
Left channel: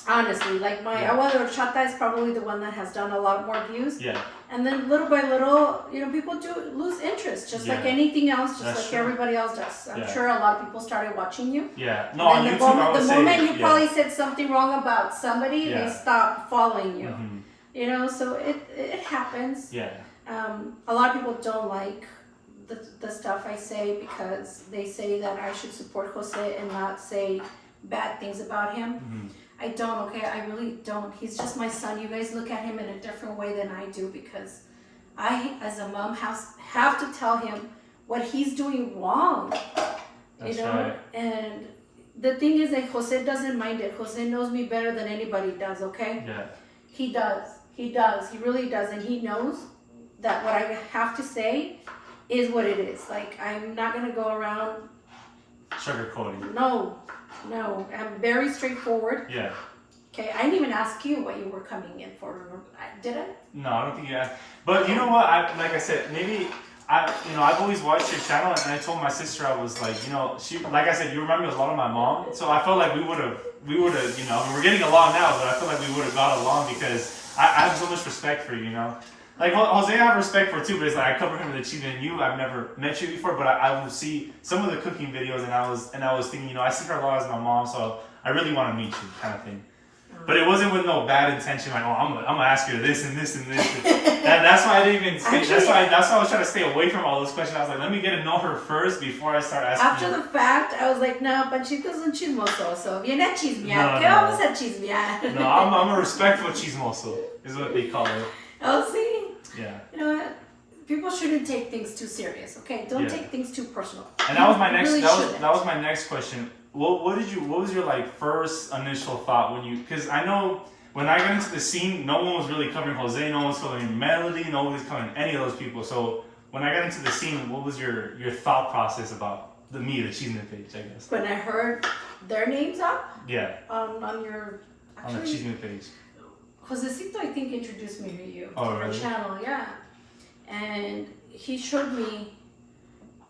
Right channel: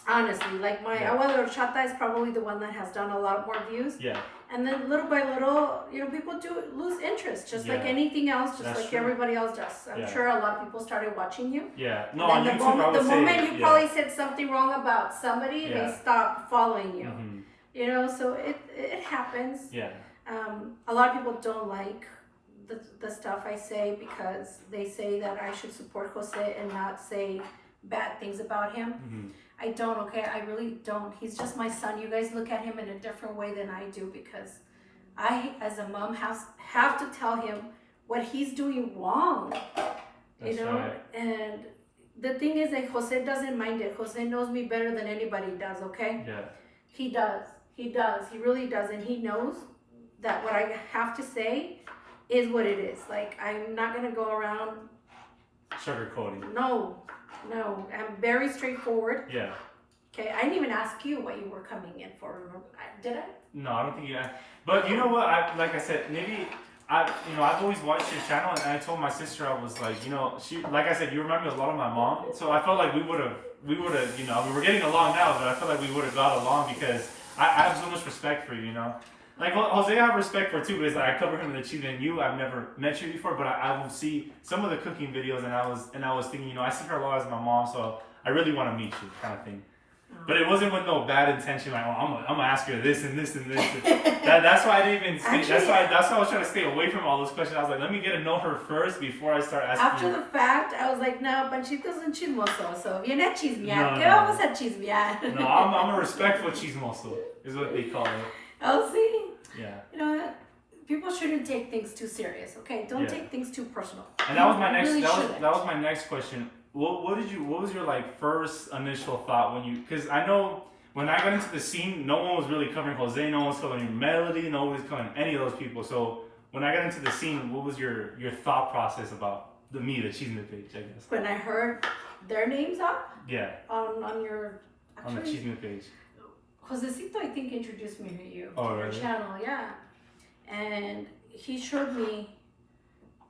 Honestly, like my Agua de Horchata is probably the one that has done a lot more views. Yeah. And then little by little, you know, people do lose interest, just like anything else, just That's like true. everybody else does. I'm sure a lot of people started watching you. Yeah. No, on YouTube, the moment you probably said something wrong about somebody, they stop following you. Mm-hmm. You know, so it happens. Yeah. A lot of people don't like the stuff I say because they say that I should support Jose and not say bad things about him. Mm-hmm. I don't, okay? I really don't. He's just my son. You guys look at him in a different way than I do because I, as a mom, have to tell him what he's doing wrong. That's you know? Right. And the thing is that Jose doesn't mind it. Jose knows me better than anybody does, okay? Yeah. He does. He does. He really does. And he knows that what I have to say is what it is. Like, I'm not going to go around sugarcoating. No, I'm very straightforward. Yeah. Okay, I didn't even ask you what you were coming in for. Did I? No, I don't think you asked. But you know what? Like I said, maybe I've always watched your channel, and I told my sister, I was like, she, like I said, you remind me a lot of my mom. So I felt like we would have, we're getting along now, but I feel like we would have got along because I have so much respect for you, Like Jose, I have respect for too, but it's like I cover him in the chicken, and I've never met you before, but I will see some of the cooking videos, and I was thinking, I see her a lot as my mom, so I really want to meet you, kind of thing. But it wasn't with no bad intention, like, I'm gonna ask you this and this and this. That's why I didn't even say. That's why I was trying to stay away from all those questions. I was like, let me get to know her first before I start asking. After the fact, I was like, no, Panchito's un chismoso, so viene a chismear. ¿Qué vamos a chismear? No, I'm a respectful chismoso, is what they call it. Oh, see? Yeah. You know what? People shouldn't take things too serious, okay? Don't take things too personal. And that was my next. Really that was my next question. What was your first initial thought when you? Because I know when I got into the scene, no one was really covering Jose, no one was covering Melody, no one was covering any of those people. So when I got into the scene, what was your thought process about the Cheeseman page? I guess. When I heard their names up. Yeah. On your. Actually, on the Cheeseman page. Josecito, I think, introduced me to you. Oh, your really? channel, yeah. And he showed me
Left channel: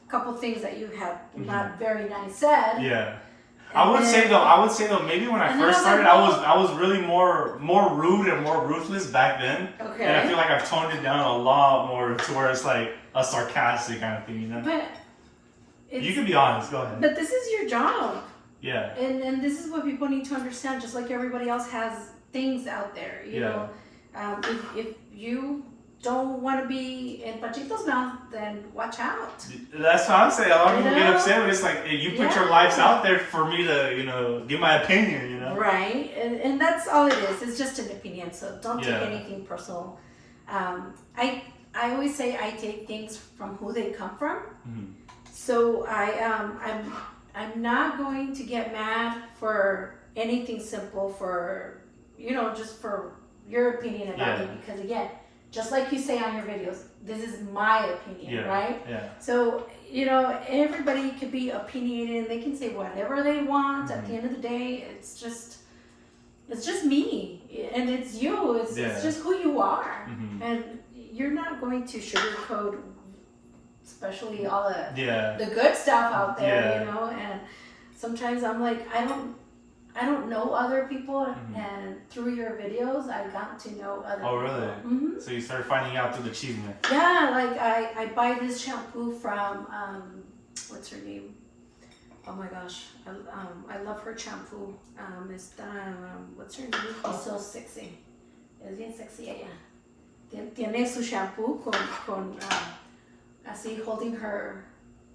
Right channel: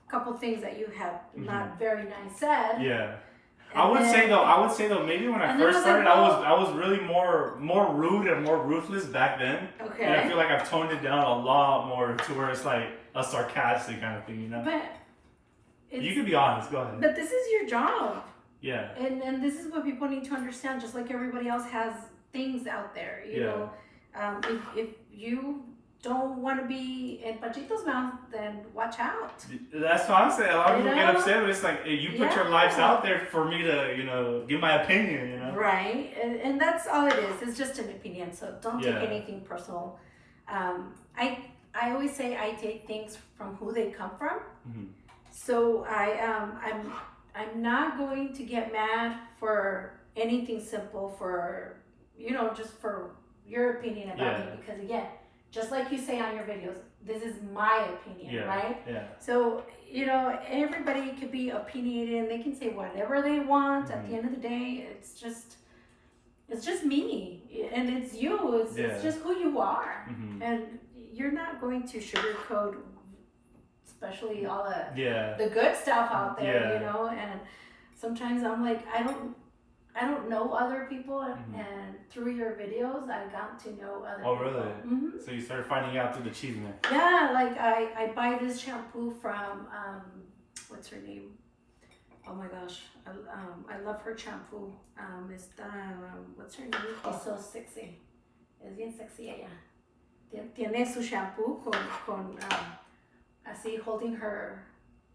a couple things that you had not very nice said. Yeah. I would say though, maybe when I first started, I was really more rude and more ruthless back then. Okay. And I feel like I've toned it down a lot more to where it's like a sarcastic kind of thing, But you can be honest. Go ahead. But this is your job. Yeah. And this is what people need to understand. Just like everybody else has things out there, you know. If you don't want to be in Panchito's mouth, then watch out. That's what I'm saying. A lot of people get upset, but it's like you put your lives out there for me to give my opinion, Right, and that's all it is. It's just an opinion, so don't take anything personal. I always say I take things from who they come from. Mm-hmm. So I'm not going to get mad for anything simple for just for your opinion about me, because again, just like you say on your videos, this is my opinion, right? Yeah. So, everybody could be opinionated and they can say whatever they want. At the end of the day, it's just me and it's you. It's just who you are. Mm-hmm. And you're not going to sugarcoat, especially all the good stuff out there, and sometimes I'm like, I don't know other people, and through your videos, I got to know other people. Oh, really? Mm-hmm. So you started finding out through the Cheeseman. Yeah, like I buy this shampoo from, what's her name? Oh my gosh, I love her shampoo. What's her name? She's so sexy. Es bien sexy ella. Tiene su shampoo con así holding her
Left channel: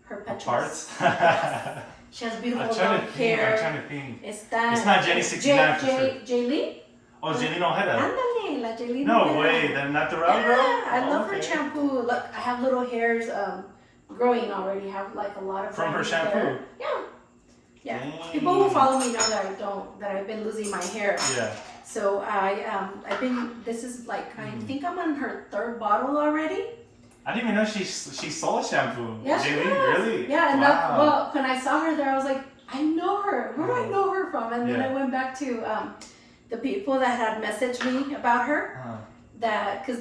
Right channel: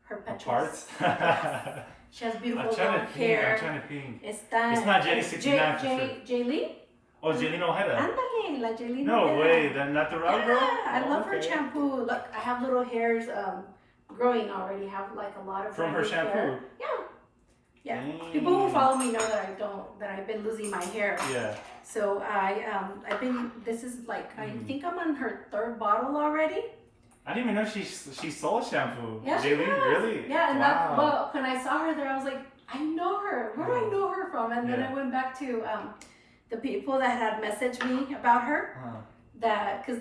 petals. Parts? Yes. She has beautiful I'm trying long to think. hair. I'm trying to think. It's It's not Jenny 69 for sure. Jaylene? Oh, Jaylene Ojeda. Ándale, la Jaylene. No Ojeda. way, the natural girl? Yeah, I love her Okay. shampoo. Look, I have little hairs growing already. I have like a lot of From her brand new shampoo? hair. Yeah. Yeah. Dang. People who follow me know that I've been losing my hair. Yeah. So this is like, I think I'm on her 3rd bottle already. I didn't even know she sold shampoo. Yeah, she Jaylene, does. really? Yeah, and wow. well, when I saw her there, I was like, I know her. Where do I know her from? And then Yeah. I went back to the people that had messaged me about her, because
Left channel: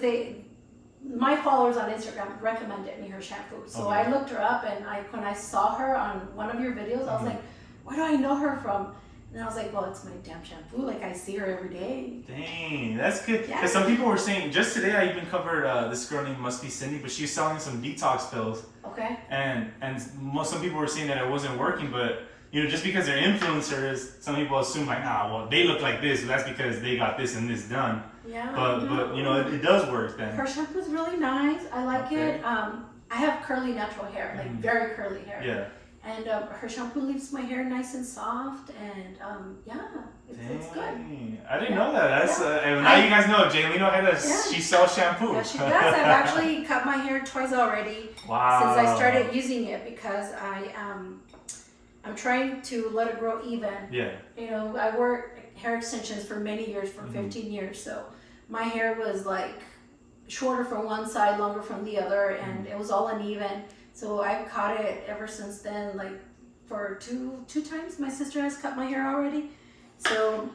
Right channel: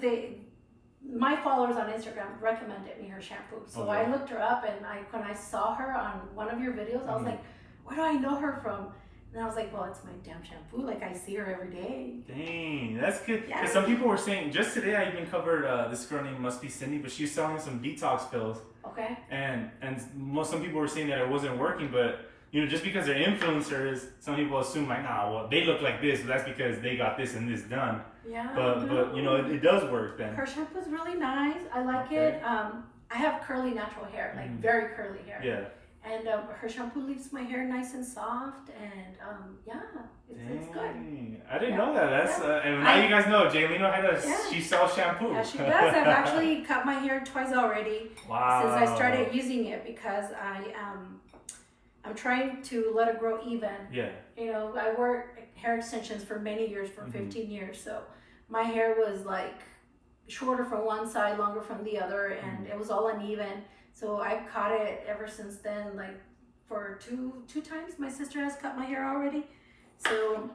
my followers on Instagram recommended me her shampoo. So Okay. I looked her up, and when I saw her on one of your videos, I was like, where do I know her from? And I was like, well, it's my damn shampoo. Like, I see her every day. Dang, that's good. Yeah. Because some people were saying, just today I even covered this girl named Must Be Cindy, but she was selling some detox pills. Okay. And some people were saying that it wasn't working, but you know, just because they're influencers, some people assume like, well, they look like this, but that's because they got this and this done. Yeah. But you know, it does work then. Her shampoo's really nice. I like Okay. it. I have curly natural hair, like very curly hair. Yeah. And her shampoo leaves my hair nice and soft, and it's good. Dang, I didn't know that. That's Yeah. and now you guys know Jaylene Ojeda. Yeah. She sells shampoo. Yeah, she does. I've actually cut my hair twice already Wow. since I started using it, because I'm trying to let it grow even. Yeah. You know, I wore hair extensions for many years, for 15 years, so my hair was like shorter from one side, longer from the other, and it was all uneven. So I've caught it ever since then, like for two times. My sister has cut my hair already. So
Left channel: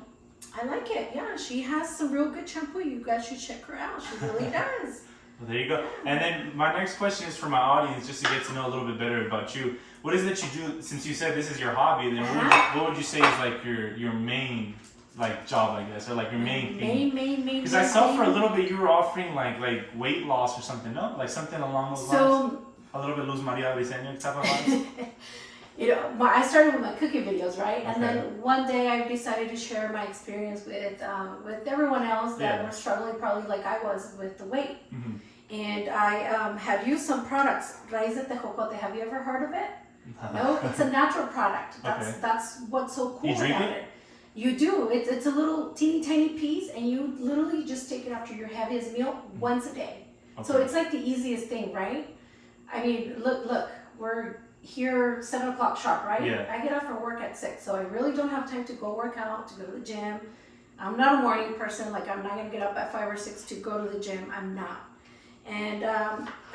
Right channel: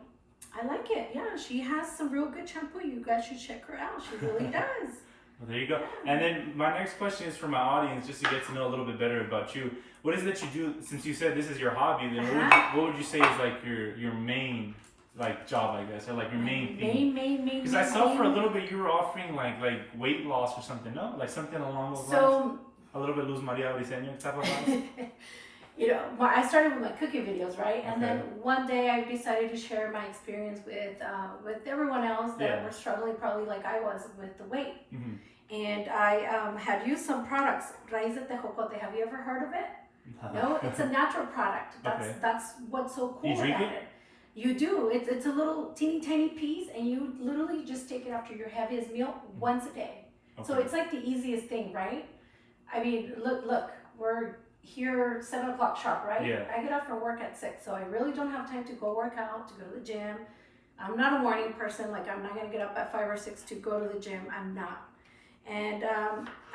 I like it. Yeah, she has some real good shampoo. You guys should check her out. She really does. Well, there you go. And then my next question is for my audience, just to get to know a little bit better about you. What is it that you do, since you said this is your hobby, then what would you say is like your main like job, I guess, or like your main thing? Main. Because I saw for a little bit you were offering like weight loss or something, no? Like something along those lines? So, A little bit Luz Maria Diseño type of vibes? you know, I started with my cooking videos, right? And Okay. then one day I decided to share my experience with everyone else that Yeah. were struggling, probably like I was, with the weight. Mm-hmm. And I had used some products, Raíz de Tejocote. Have you ever heard of it? No, it's a natural product. That's what's so cool You drink about it. You do. It's a little teeny tiny piece, and you literally just take it after your heaviest meal once a day. Okay. So it's like the easiest thing, right? I mean, look, we're here 7 o'clock sharp, right? Yeah. I get off for work at 6, so I really don't have time to go work out, to go to the gym. I'm not a morning person. Like, I'm not gonna get up at 5 or 6 to go to the gym. I'm not. And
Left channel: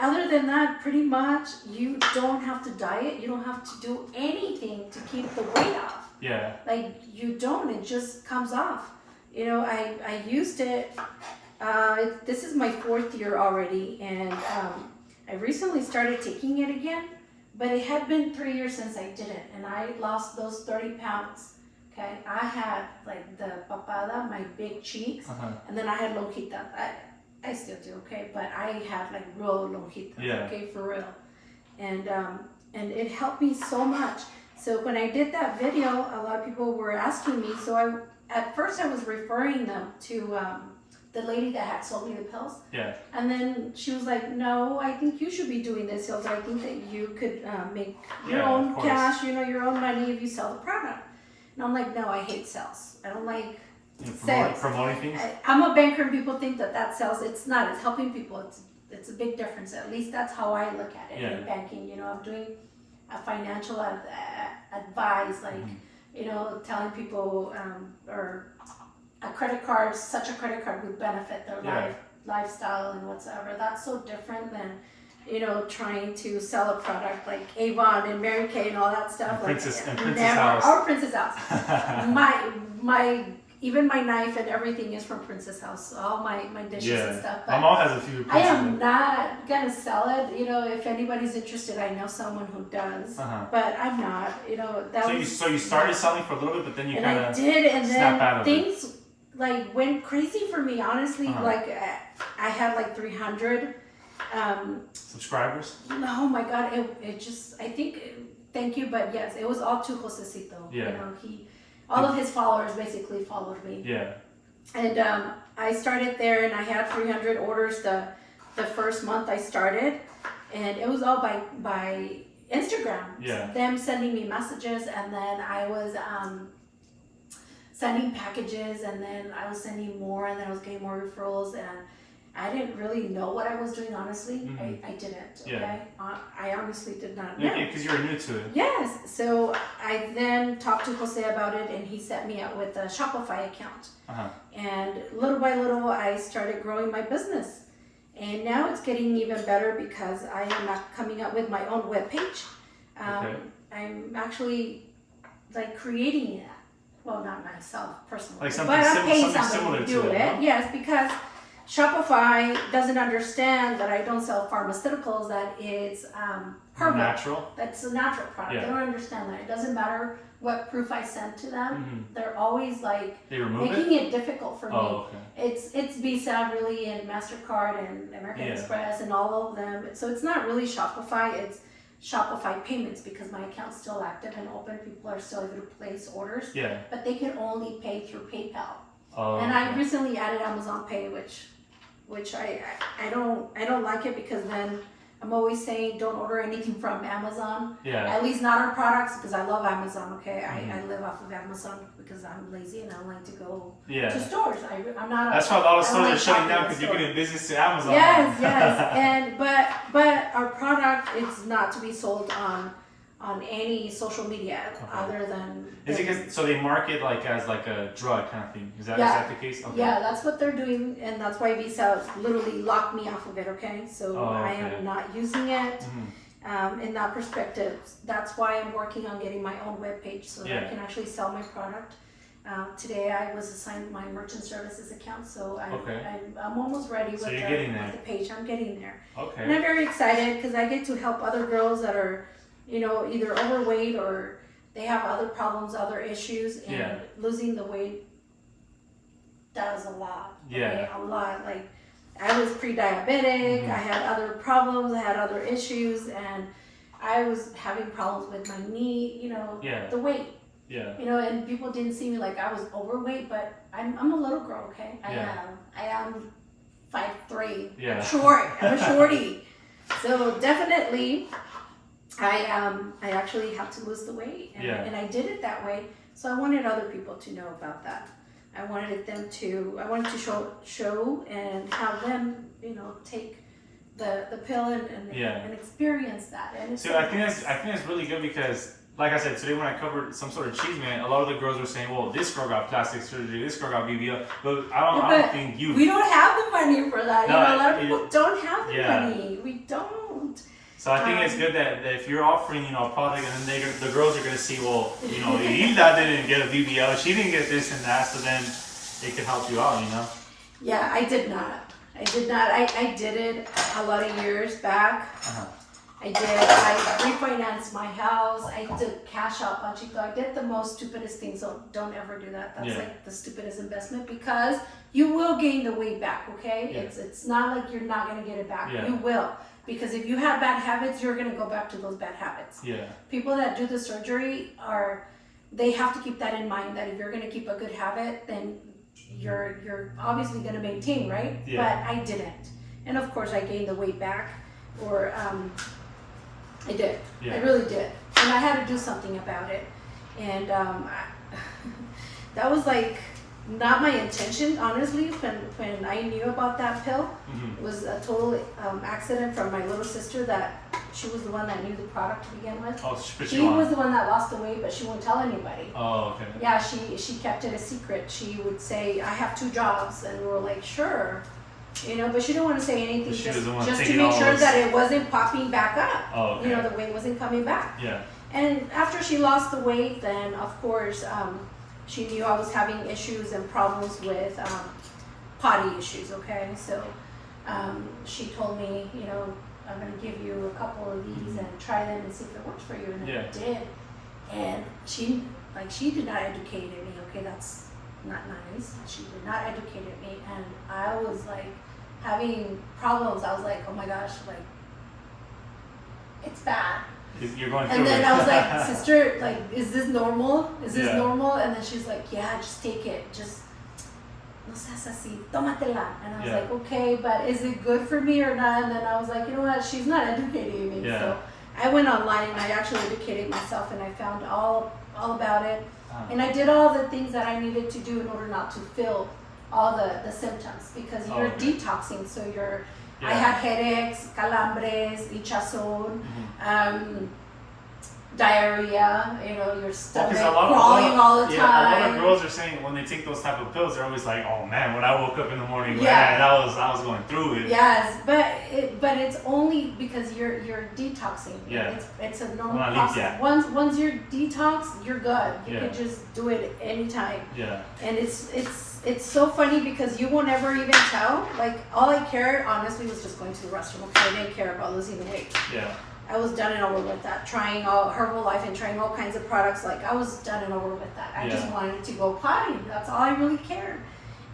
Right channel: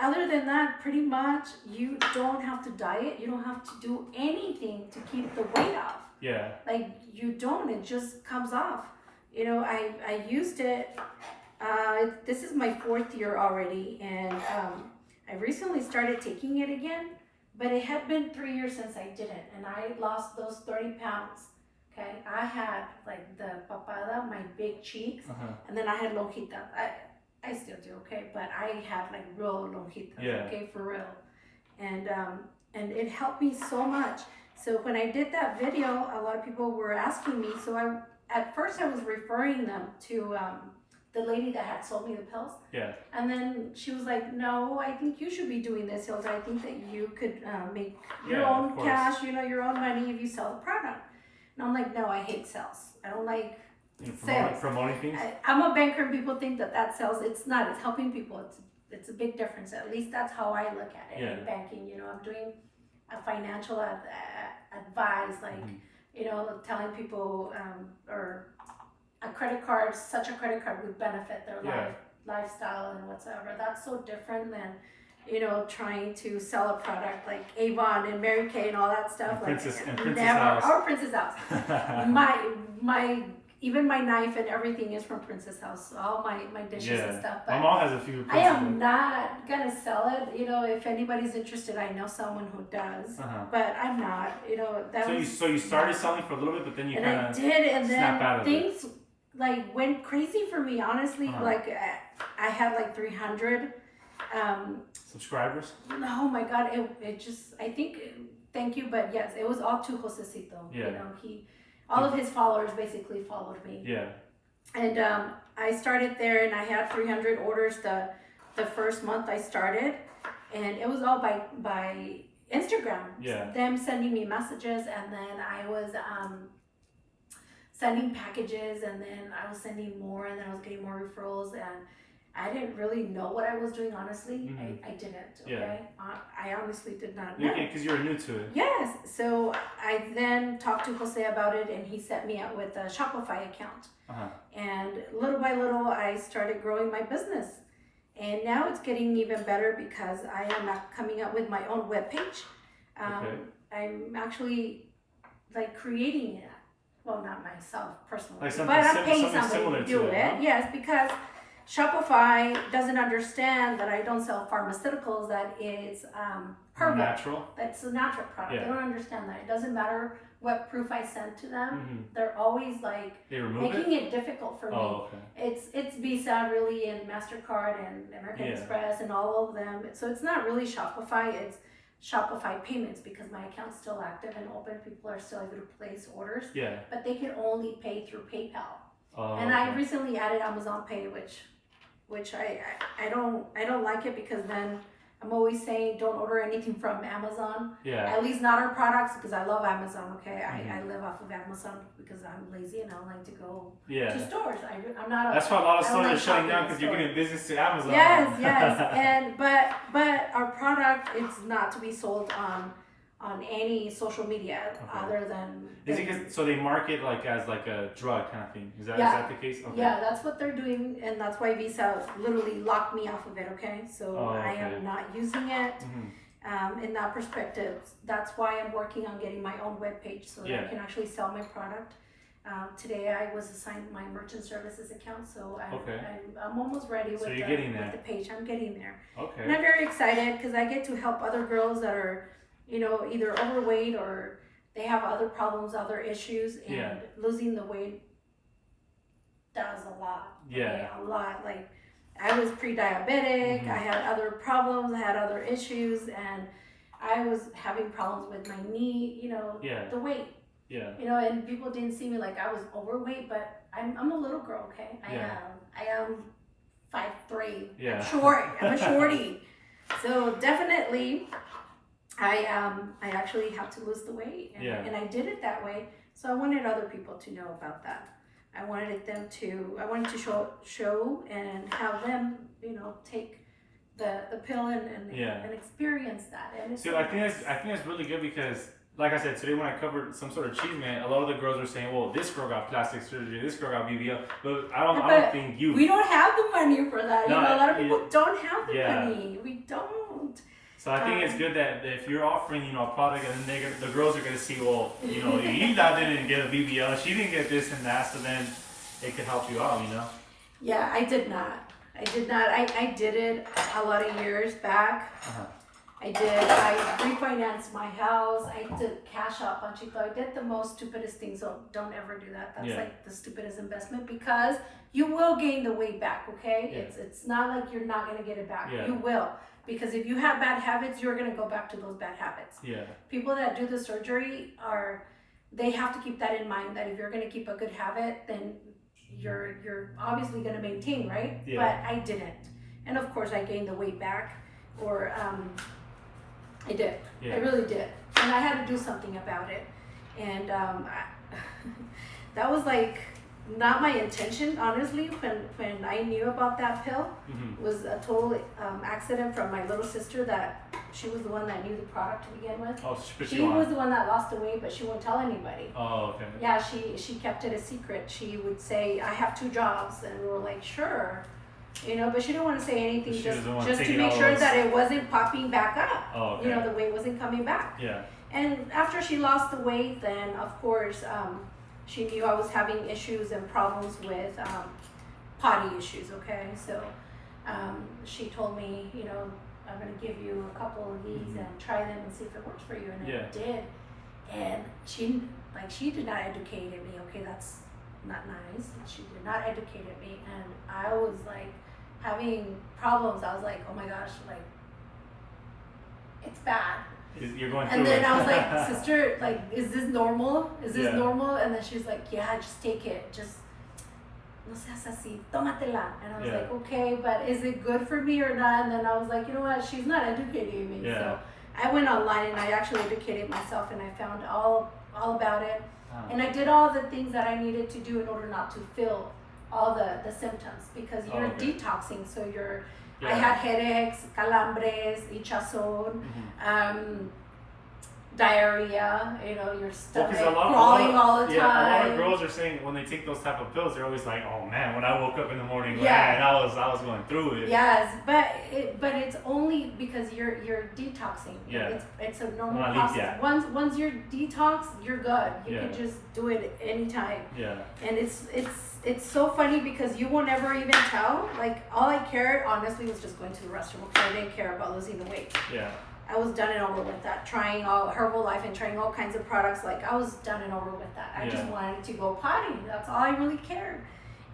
other than that, pretty much, you don't have to diet. You don't have to do anything to keep the weight off. Yeah. Like, you don't. It just comes off. You know, I used it. This is my 4th year already, and I recently started taking it again, but it had been 3 years since I did it, and I lost those 30 pounds. Okay, I had like the papada, my big cheeks, and then I had lonjitas. I still do, okay, but I had like real lonjitas, Yeah. okay, for real, and it helped me so much. So when I did that video, a lot of people were asking me. So at first I was referring them to the lady that had sold me the pills. Yeah. And then she was like, no, I think you should be doing this, Hilda. I think that you could make your Yeah, own of course. cash, you know, your own money if you sell the product. And I'm like, no, I hate sales. I don't like sales. Promoting things? I'm a banker, and people think that sells. It's not. It's helping people. It's a big difference. At least that's how I look at it in banking. You know, I'm doing a financial advice, like, you know, telling people or a credit card, such a credit card would benefit their lifestyle and whatsoever. That's so different than, you know, trying to sell a product like Avon and Mary Kay and all that stuff. Princess never, House. Or Princess House. my even my knife and everything is from Princess House. All my dishes and stuff. My mom has a few. I am not gonna sell it. You know, if anybody's interested, I know someone who does. But I'm not. You know, So you started selling for a little bit, but then you kind I of did, and snap out then of things like went crazy for me. Honestly, like I had like 300. Subscribers? Oh my God! It just, I think, thank you, but yes, it was all to Josecito. Yeah. You know, all of his followers basically followed me. Yeah. And I started there, and I had 300 orders the first month I started, and it was all by Instagram. Yeah. Them sending me messages, and then I was sending packages, and then I was sending more, and then I was getting more referrals, and I didn't really know what I was doing, honestly. Mhm. I didn't, Yeah. okay? I honestly did not know. Okay, because you were new to it. Yes, so I then talked to Jose about it, and he set me up with a Shopify account. Uh-huh. And little by little, I started growing my business. And now it's getting even better because I am coming up with my own webpage. Okay. I'm actually like creating it. Well, not myself personally, Like something but I'm paying something somebody similar to do to it. it, huh? Yes, because Shopify doesn't understand that I don't sell pharmaceuticals, that it's herbal. Natural. That's a natural product. Yeah. They don't understand that. It doesn't matter what proof I send to them. Mhm. They're always like They remove making it? it difficult for me. Oh, okay. It's Visa really, and MasterCard and American Yeah. Express and all of them. So it's not really Shopify, it's Shopify payments, because my account's still active and open. People are still able to place orders, Yeah. but they can only pay through PayPal. Oh, And I okay. recently added Amazon Pay, which I don't like it, because then I'm always saying don't order anything from Amazon. Yeah. At least not our products, because I love Amazon, okay? Mhm. I live off of Amazon because I'm lazy and I don't like to go Yeah. to stores. I'm not. That's why a lot of I don't stores like are shutting shopping down at because you're stores. getting business to Amazon. Yes, yes, and but our product is not to be sold on any social media other than. Is it because so they market like as like a drug kind of thing? Is that the case? Okay. Yeah, that's what they're doing, and that's why Visa literally locked me off of it. Okay, so Oh, I okay. am not using it. Mhm. In that perspective, that's why I'm working on getting my own webpage so that I Yeah. can actually sell my product. Today I was assigned my merchant services account, so Okay. I'm almost ready with, So you're getting there. with the page. I'm getting there. And Okay. I'm very excited because I get to help other girls that are, either overweight or they have other problems, other issues, and Yeah. losing the weight does a lot. Yeah. Okay? A lot. Like, I was pre-diabetic, Mhm. I had other problems, I had other issues, and I was having problems with my knee, Yeah. the weight. Yeah. And people didn't see me like I was overweight, but I'm a little girl, okay? Yeah. I am 5'3". Yeah. I'm short. I'm a shorty. So definitely, I actually have to lose the weight, and I did it that way. So I wanted other people to know about that. I wanted to show and have them, take the pill and experience that. And it's So I think that's really good because, like I said, today when I covered some sort of cheese man, a lot of the girls were saying, "Well, this girl got plastic surgery, this girl got BBL," but I don't think you. We don't have the money for that. No, a lot of people don't have the yeah. money. We don't. So I think it's good that if you're offering, a product, and then the girls are gonna see, well, Hilda didn't get a BBL, she didn't get this and that, so then they could help you out, Yeah, I did not. I did it a lot of years back. Uh-huh. I refinanced my house. I did cash out Panchito. I did the most stupidest thing, so don't ever do that. That's like the stupidest investment, because you will gain the weight back, okay? Yeah. It's not like you're not gonna get it back. Yeah. You will. Because if you have bad habits, you're gonna go back to those bad habits. Yeah. People that do the surgery they have to keep that in mind, that if you're gonna keep a good habit, then you're obviously gonna maintain, right? Yeah. But I didn't. And of course I gained the weight back, or I did. Yeah. I really did. And I had to do something about it. And that was like not my intention, honestly, when I knew about that pill. Mhm. It was a total accident from my little sister, that she was the one that knew the product to begin with. Oh, She was the one that lost the weight, but she wouldn't tell anybody. Oh, okay. Yeah, she kept it a secret. She would say, I have 2 jobs, and we were like, sure. But she didn't want to say anything, She just doesn't want to to take make all sure those- that it wasn't popping back up. Oh, okay. The weight wasn't coming back. Yeah. And after she lost the weight, then of course, she knew I was having issues and problems with potty issues, okay? So she told me, I'm gonna give you a couple of these and try them and see if it works for you, and Yeah. it did. And she did not educate me, okay? That's not nice. She did not educate me, and I was like having problems. I was like, oh my gosh, like, it's bad. You're going through And then it. I was like, sister, like, is this normal? Is this Yeah. normal? And then she's like, yeah, just take it. Just, no seas así, tómatela. And I was Yeah. like, okay, but is it good for me or not? And then I was like, you know what? She's not educating me. Yeah. So I went online and I actually educated myself and I found all about it. And I did all the things that I needed to do in order not to feel all the symptoms, because you're detoxing. So I had headaches, calambres, hinchazón, diarrhea, your stomach crawling all the time. A lot of girls are saying when they take those type of pills, they're always like, "Oh man, when I woke up in the morning, man, I was going through it." Yes, but it's only because you're detoxing. Yeah. It's a normal process. Once you're detox, you're good. You can just do it anytime. Yeah. And it's so funny because you won't ever even tell. Like, all I cared honestly was just going to the restroom. Okay, I didn't care about losing the weight. Yeah. I was done and over with that. Trying all Herbalife and trying all kinds of products. Like, I was done and over with that. I just wanted to go potty. That's all I really cared.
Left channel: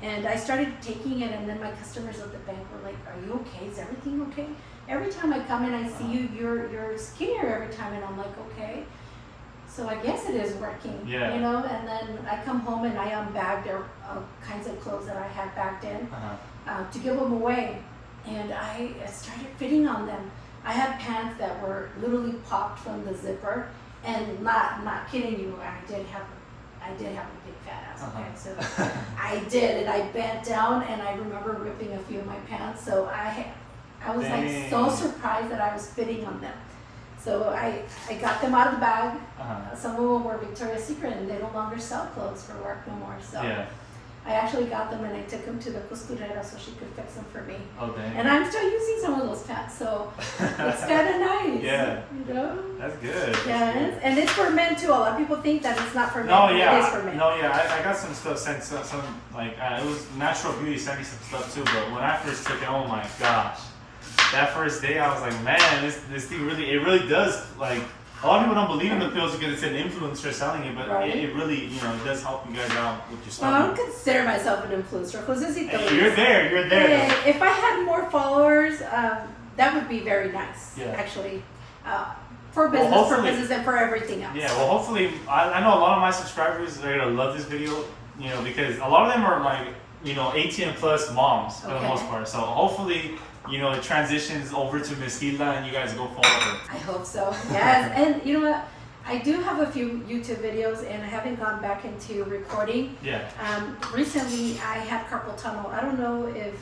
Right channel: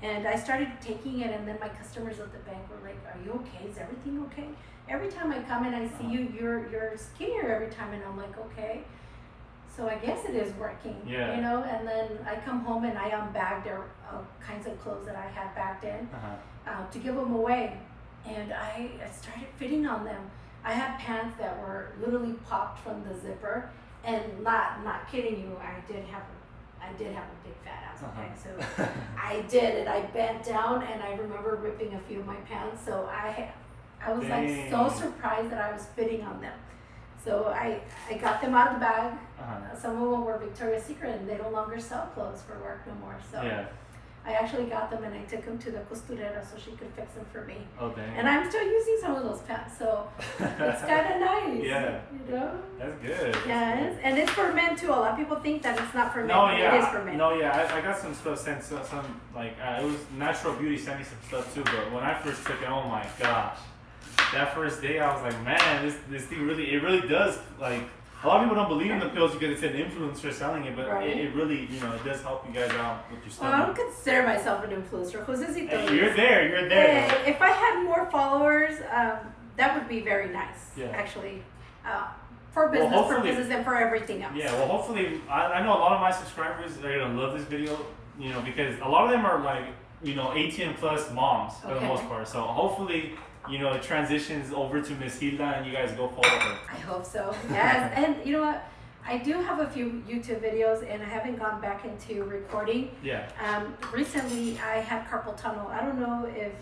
And I started taking it, and then my customers at the bank were like, "Are you okay? Is everything okay?" Every time I come and I see you, you're skinnier every time, and I'm like, okay. So I guess it is working, And then I come home and I unbagged all kinds of clothes that I had bagged in to give them away, and I started fitting on them. I had pants that were literally popped from the zipper, and not kidding you, I did have a big fat ass. Okay, so I did, and I bent down, and I remember ripping a few of my pants. So I was like so surprised that I was fitting on them. So I got them out of the bag. Some of them were Victoria's Secret, and they no longer sell clothes for work no more. So I actually got them, and I took them to the costurera so she could fix them for me. Oh, dang. And I'm still using some of those pants, so it's kind of nice. Yeah. That's good. Yes, and it's for men too. A lot of people think that it's not for men. No, It is for men. No, I got some stuff sent, some like it was Natural Beauty sent me some stuff too. But when I first took it, oh my gosh, that first day I was like, man, this thing really does like. A lot of people don't believe in the pills because it's an influencer selling it, but it really, it does help you guys out with your stomach. Well, I don't consider myself an influencer. Hey, you're there. If I had more followers, that would be very nice, actually. For business purposes and for everything else. Yeah, well, hopefully, I know a lot of my subscribers are going to love this video, because a lot of them are like, 18 plus moms for the most part. So hopefully, it transitions over to Miss Hilda and you guys go follow her. I hope so. Yes, and you know what? I do have a few YouTube videos, and I haven't gone back into recording. Yeah. Recently, I had carpal tunnel. I don't know if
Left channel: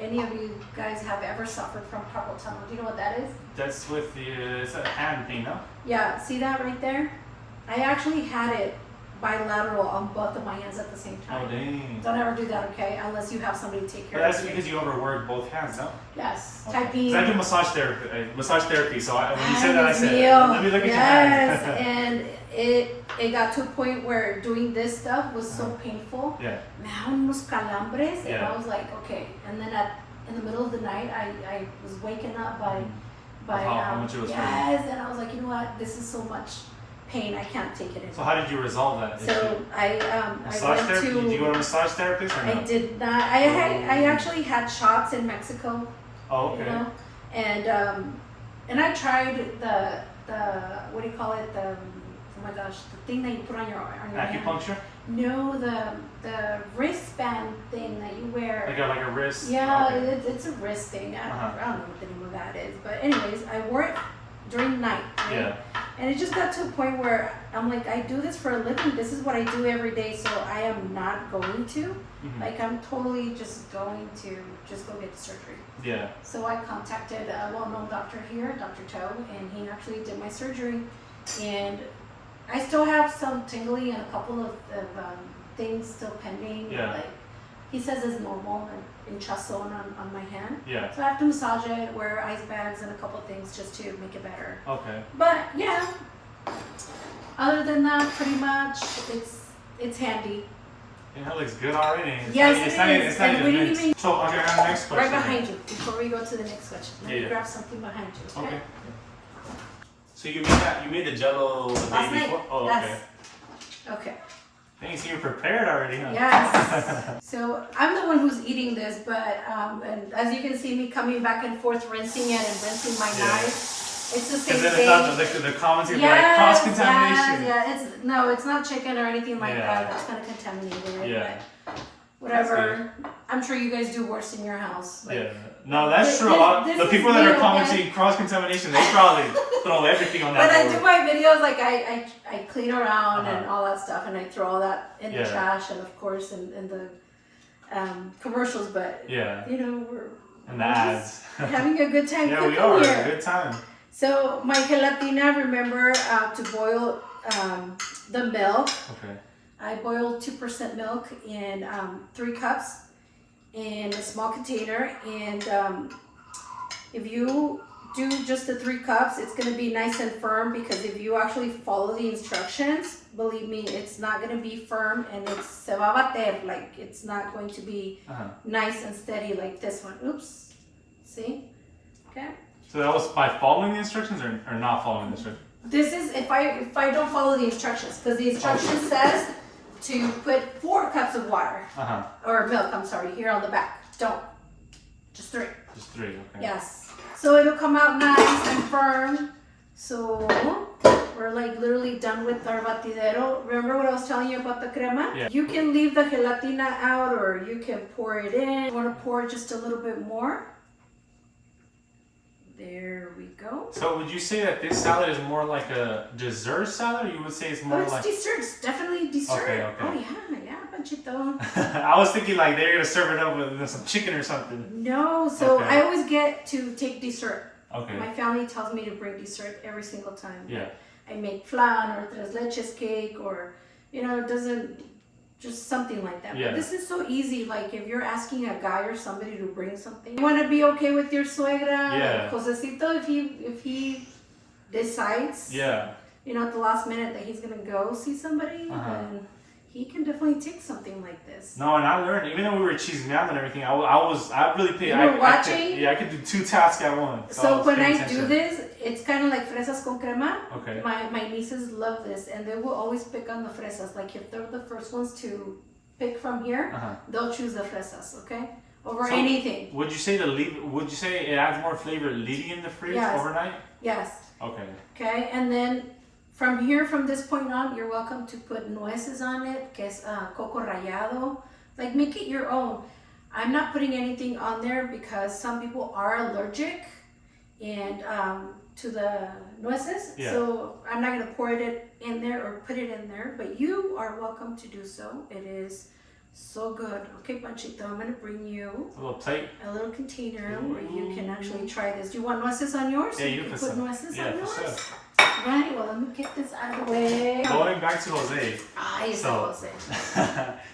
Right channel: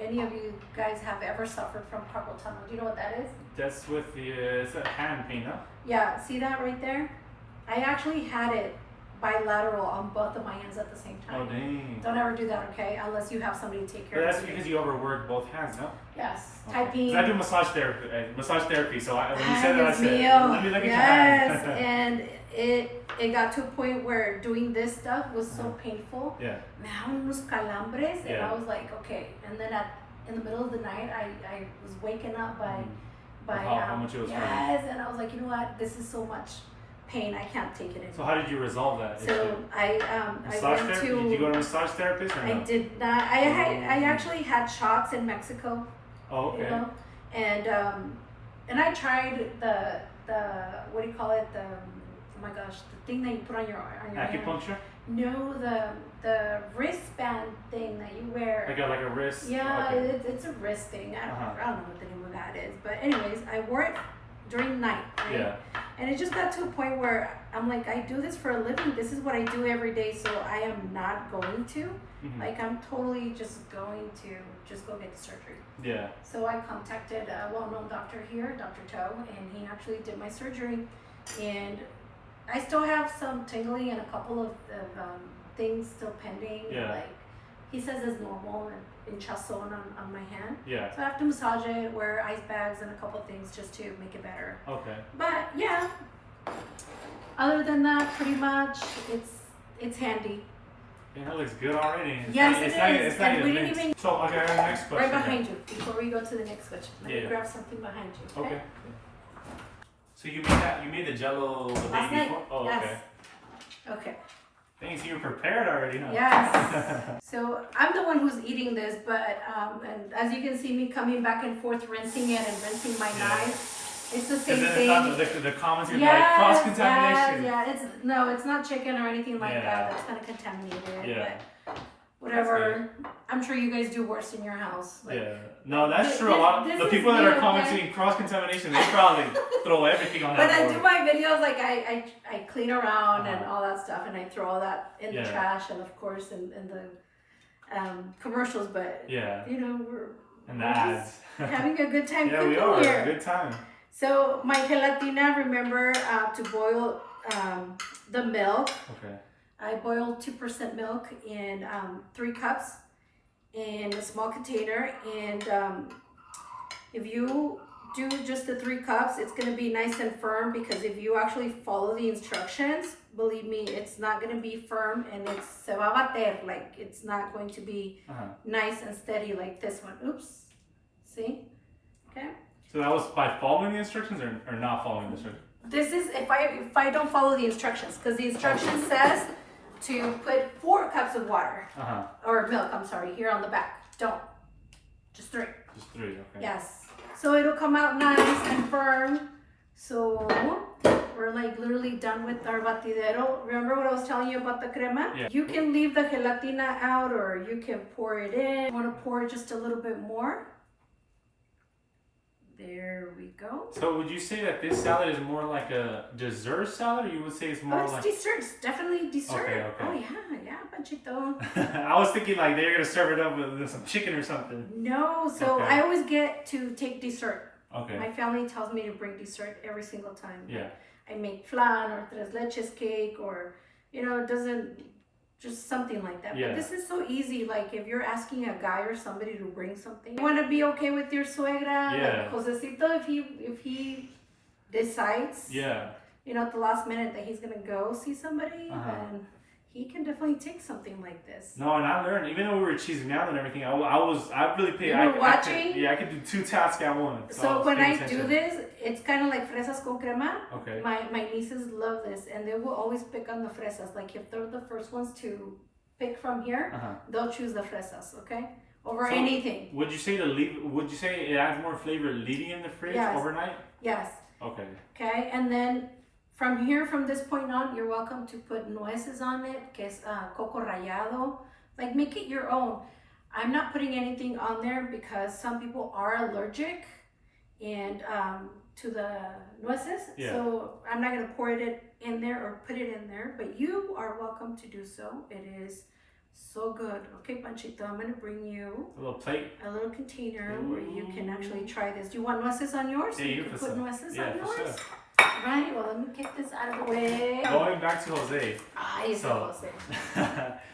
any of you guys have ever suffered from carpal tunnel. Do you know what that is? That's with it's a hand thing, huh? Yeah, see that right there? I actually had it bilateral on both of my hands at the same time. Oh, dang. Don't ever do that, okay? Unless you have somebody to take care of you. That's because you overwork both hands, no? Yes. Okay. Typing. So I do massage therapy. So when you said that, I said, let me look at your yes, hand. and it got to a point where doing this stuff was so painful. Yeah. Me daban unos calambres, and Yeah. I was like, okay. And then in the middle of the night, I was waking up by how much it was and I was like, you know what? This is so much pain. I can't take it anymore. So how did you resolve that issue? So I went therapy? to. Did you go to a massage therapist or no? I did not. I actually had shots in Mexico. Oh, okay. And I tried the what do you call it? Oh my gosh, the thing that you put on your hand. Acupuncture? No, the wristband thing that you wear. Like a wrist? Yeah, Okay. it's a wrist thing. I don't know what the name of that is. But anyways, I wore it during the night, right? Yeah. And it just got to a point where I'm like, I do this for a living. This is what I do every day, so I am not going to. Mm-hmm. Like, I'm totally just going to just go get the surgery. Yeah. So I contacted a well-known doctor here, Dr. Toe, and he actually did my surgery. And I still have some tingling and a couple of things still pending. Yeah. Like, he says it's normal and hinchazón on my hand. Yeah. So I have to massage it, wear ice bags, and a couple of things just to make it better. Okay. But yeah, other than that, pretty much it's handy. Yeah, that looks good already. Yes, it is. It's not And we didn't mixed. even- So, okay, our next question. Right behind you. Before we go to the next question, let me Yeah. grab something behind you. Okay. So you made the Jello the Last day night. before? Oh, Yes. okay. Okay. Thanks, you're prepared already, huh? Yes. So I'm the one who's eating this, but and as you can see me coming back and forth, rinsing it and rinsing my knife, it's the same Because thing. then the comments are like cross contamination. Yeah. It's not chicken or anything like Yeah. that. That's gonna contaminate it. Yeah. But whatever. I'm sure you guys do worse in your house. Like, yeah. No, that's true. A lot. this The is people that me, are okay? commenting cross-contamination, they probably throw everything on that When I board. do my videos, like I clean around and Uh-huh. all that stuff, and I throw all that in the Yeah. trash, and of course in the commercials. But Yeah. you know, we're And the just ads. having a good time Yeah, cooking we are. here. Good time. So my gelatina, remember to boil the milk. Okay. I boiled 2% milk in 3 cups in a small container, and if you do just the 3 cups, it's going to be nice and firm, because if you actually follow the instructions, believe me, it's not going to be firm, and it's se va a bater, like it's not going to be nice and steady like this one. Oops. See? Okay. So that was by following the instructions or not following the instructions? This is if I don't follow the instructions, because the instruction says to put 4 cups of water or milk. I'm sorry, here on the back. Don't, just 3. Just 3. Okay. Yes. So it'll come out nice and firm. So we're like literally done with our batidero. Remember what I was telling you about the crema? Yeah. You can leave the gelatina out, or you can pour it in. You want to pour just a little bit more. There we go. So would you say that this salad is more like a dessert salad, or you would say it's more Oh, it's like... dessert. It's definitely dessert. Okay. Oh yeah, Panchito. I was thinking like they're gonna serve it up with some chicken or something. No, so Okay. I always get to take dessert. Okay. My family tells me to bring dessert every single time. Yeah. I make flan or tres leches cake, or it doesn't, just something like that. Yeah. But this is so easy. Like if you're asking a guy or somebody to bring something, you want to be okay with your suegra. Yeah. Like Josecito, if he decides, Yeah. at the last minute that he's gonna go see somebody, then he can definitely take something like this. No, and I learned, even though we were cheesing out and everything, I really paid. You were watching? I could do 2 tasks at once. So was when paying I do attention. this, it's kind of like fresas con crema. Okay. My nieces love this, and they will always pick on the fresas. Like if they're the first ones to pick from here, they'll choose the fresas, okay, over So, anything. Would you say Would you say it adds more flavor leaving in the fridge Yes. overnight? Yes. Okay. Okay, and then from this point on, you're welcome to put nueces on it, que es coco rallado. Like make it your own. I'm not putting anything on there because some people are allergic and to the nueces. Yeah. So I'm not gonna pour it in there or put it in there, but you are welcome to do so. It is so good. Okay, Panchito, I'm gonna bring you A little plate. a little container where you can actually try this. Do you want nueces on yours? Yeah, So you can put put some. nueces Yeah, on for yours. sure. Right, well, let me get this out of the way. Going back to Jose. Ay, ese So- Jose.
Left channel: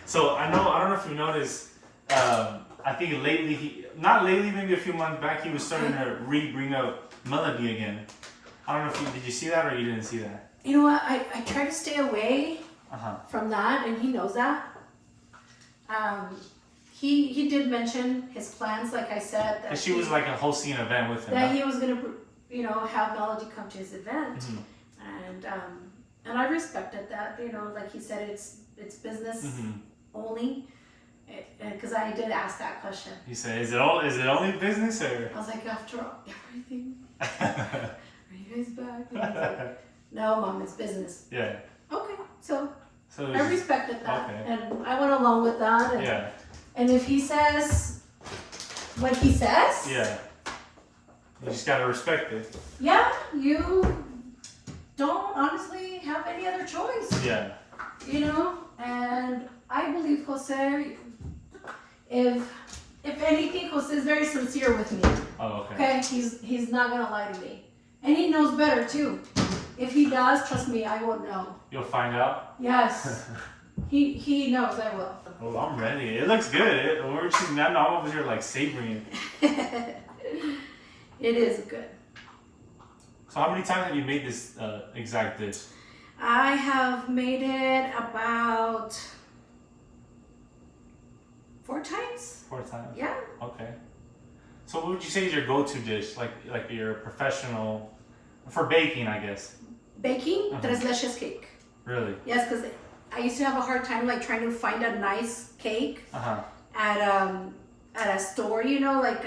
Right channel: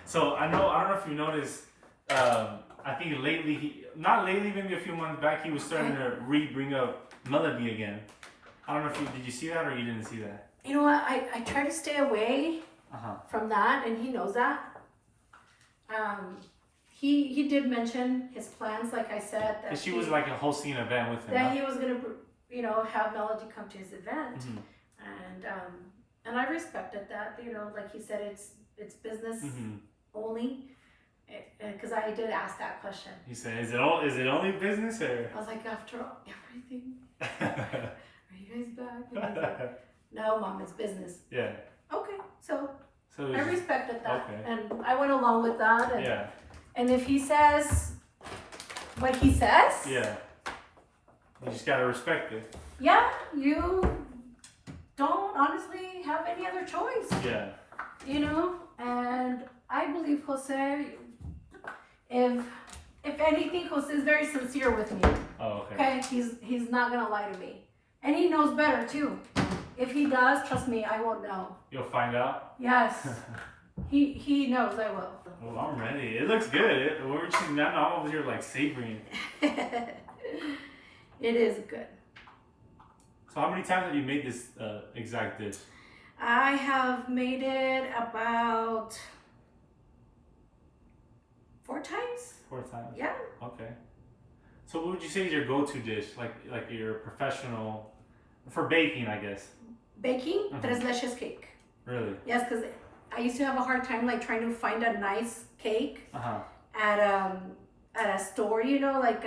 So I don't know if you noticed. I think lately, not lately, maybe a few months back, he was starting to bring up Melody again. I don't know if did you see that or you didn't see that? You know what? I try to stay away from that, and he knows that. He did mention his plans, like I said, that And she was like hosting an event with him. that huh? he was gonna, have Melody come to his event, and I respected that. Like he said, it's business only, because I did ask that question. He said, "Is it only business or?" I was like, after everything, are you guys back? And he's like, no, Mom, it's business. Yeah. Okay, so So it I was- respected that, okay. and I went along with that. And, Yeah. and if he says what he says, Yeah. You just gotta respect it. yeah, you don't honestly have any other choice, Yeah. And I believe Jose, if anything, Jose is very sincere with me. Oh, okay. Okay, he's not gonna lie to me, and he knows better too. If he does, trust me, I won't know. You'll find out. Yes, he knows I will. Oh, I'm ready. It looks good. We're just now I'm over here like savoring it. It is good. So how many times have you made this exact dish? I have made it about 4 times. 4 times. Yeah. Okay. So what would you say is your go-to dish, like your professional for baking, I guess? Baking, tres leches cake. Really? Yes, because I used to have a hard time like trying to find a nice cake at a store, like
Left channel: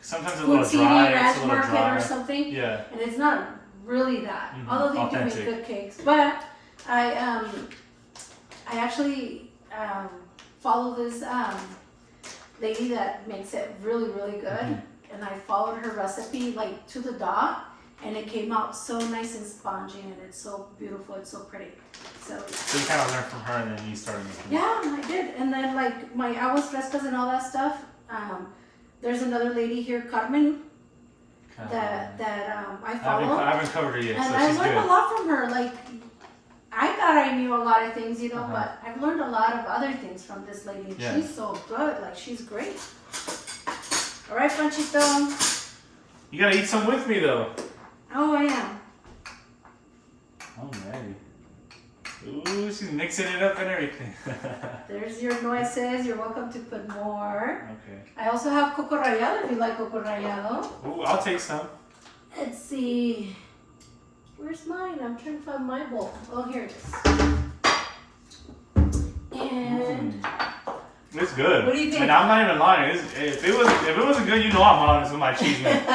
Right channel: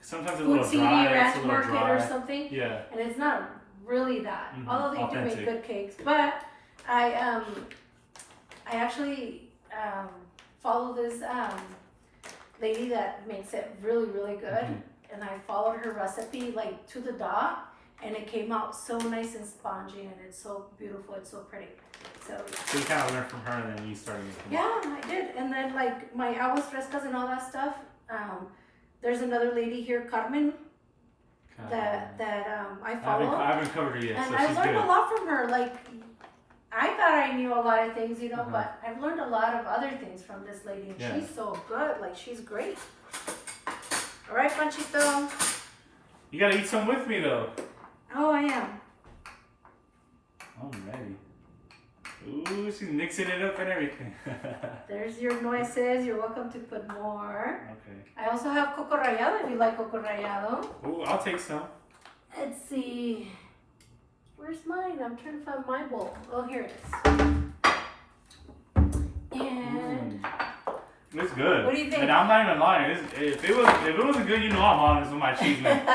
Sometimes a Food little City, dry. It's a Ranch little Market dry. or something. Yeah. And it's not really that, although they do Authentic. make good cakes. But I actually follow this lady that makes it really, really good. And I followed her recipe like to the dot, and it came out so nice and spongy, and it's so beautiful. It's so pretty. So you kind of learned from her, and then you started making. Yeah, I did. And then like my aguas frescas and all that stuff. There's another lady here, Carmen, that I follow. I haven't covered her yet, and so I she's learned good. a lot from her. Like I thought I knew a lot of things, you know, but I've learned a lot of other things from this lady. Yeah. She's so good. Like she's great. All right, Panchito. You gotta eat some with me though. Oh, I am. Alrighty. Ooh, she's mixing it up and everything. There's your nueces. You're welcome to put more. Okay. I also have coco rallado if you like coco rallado. Ooh, I'll take some. Let's see. Where's mine? I'm trying to find my bowl. Oh, here it is. And It's good. What do you think? And I'm not even lying. If it wasn't good, you know I'm honest with my cheese, man.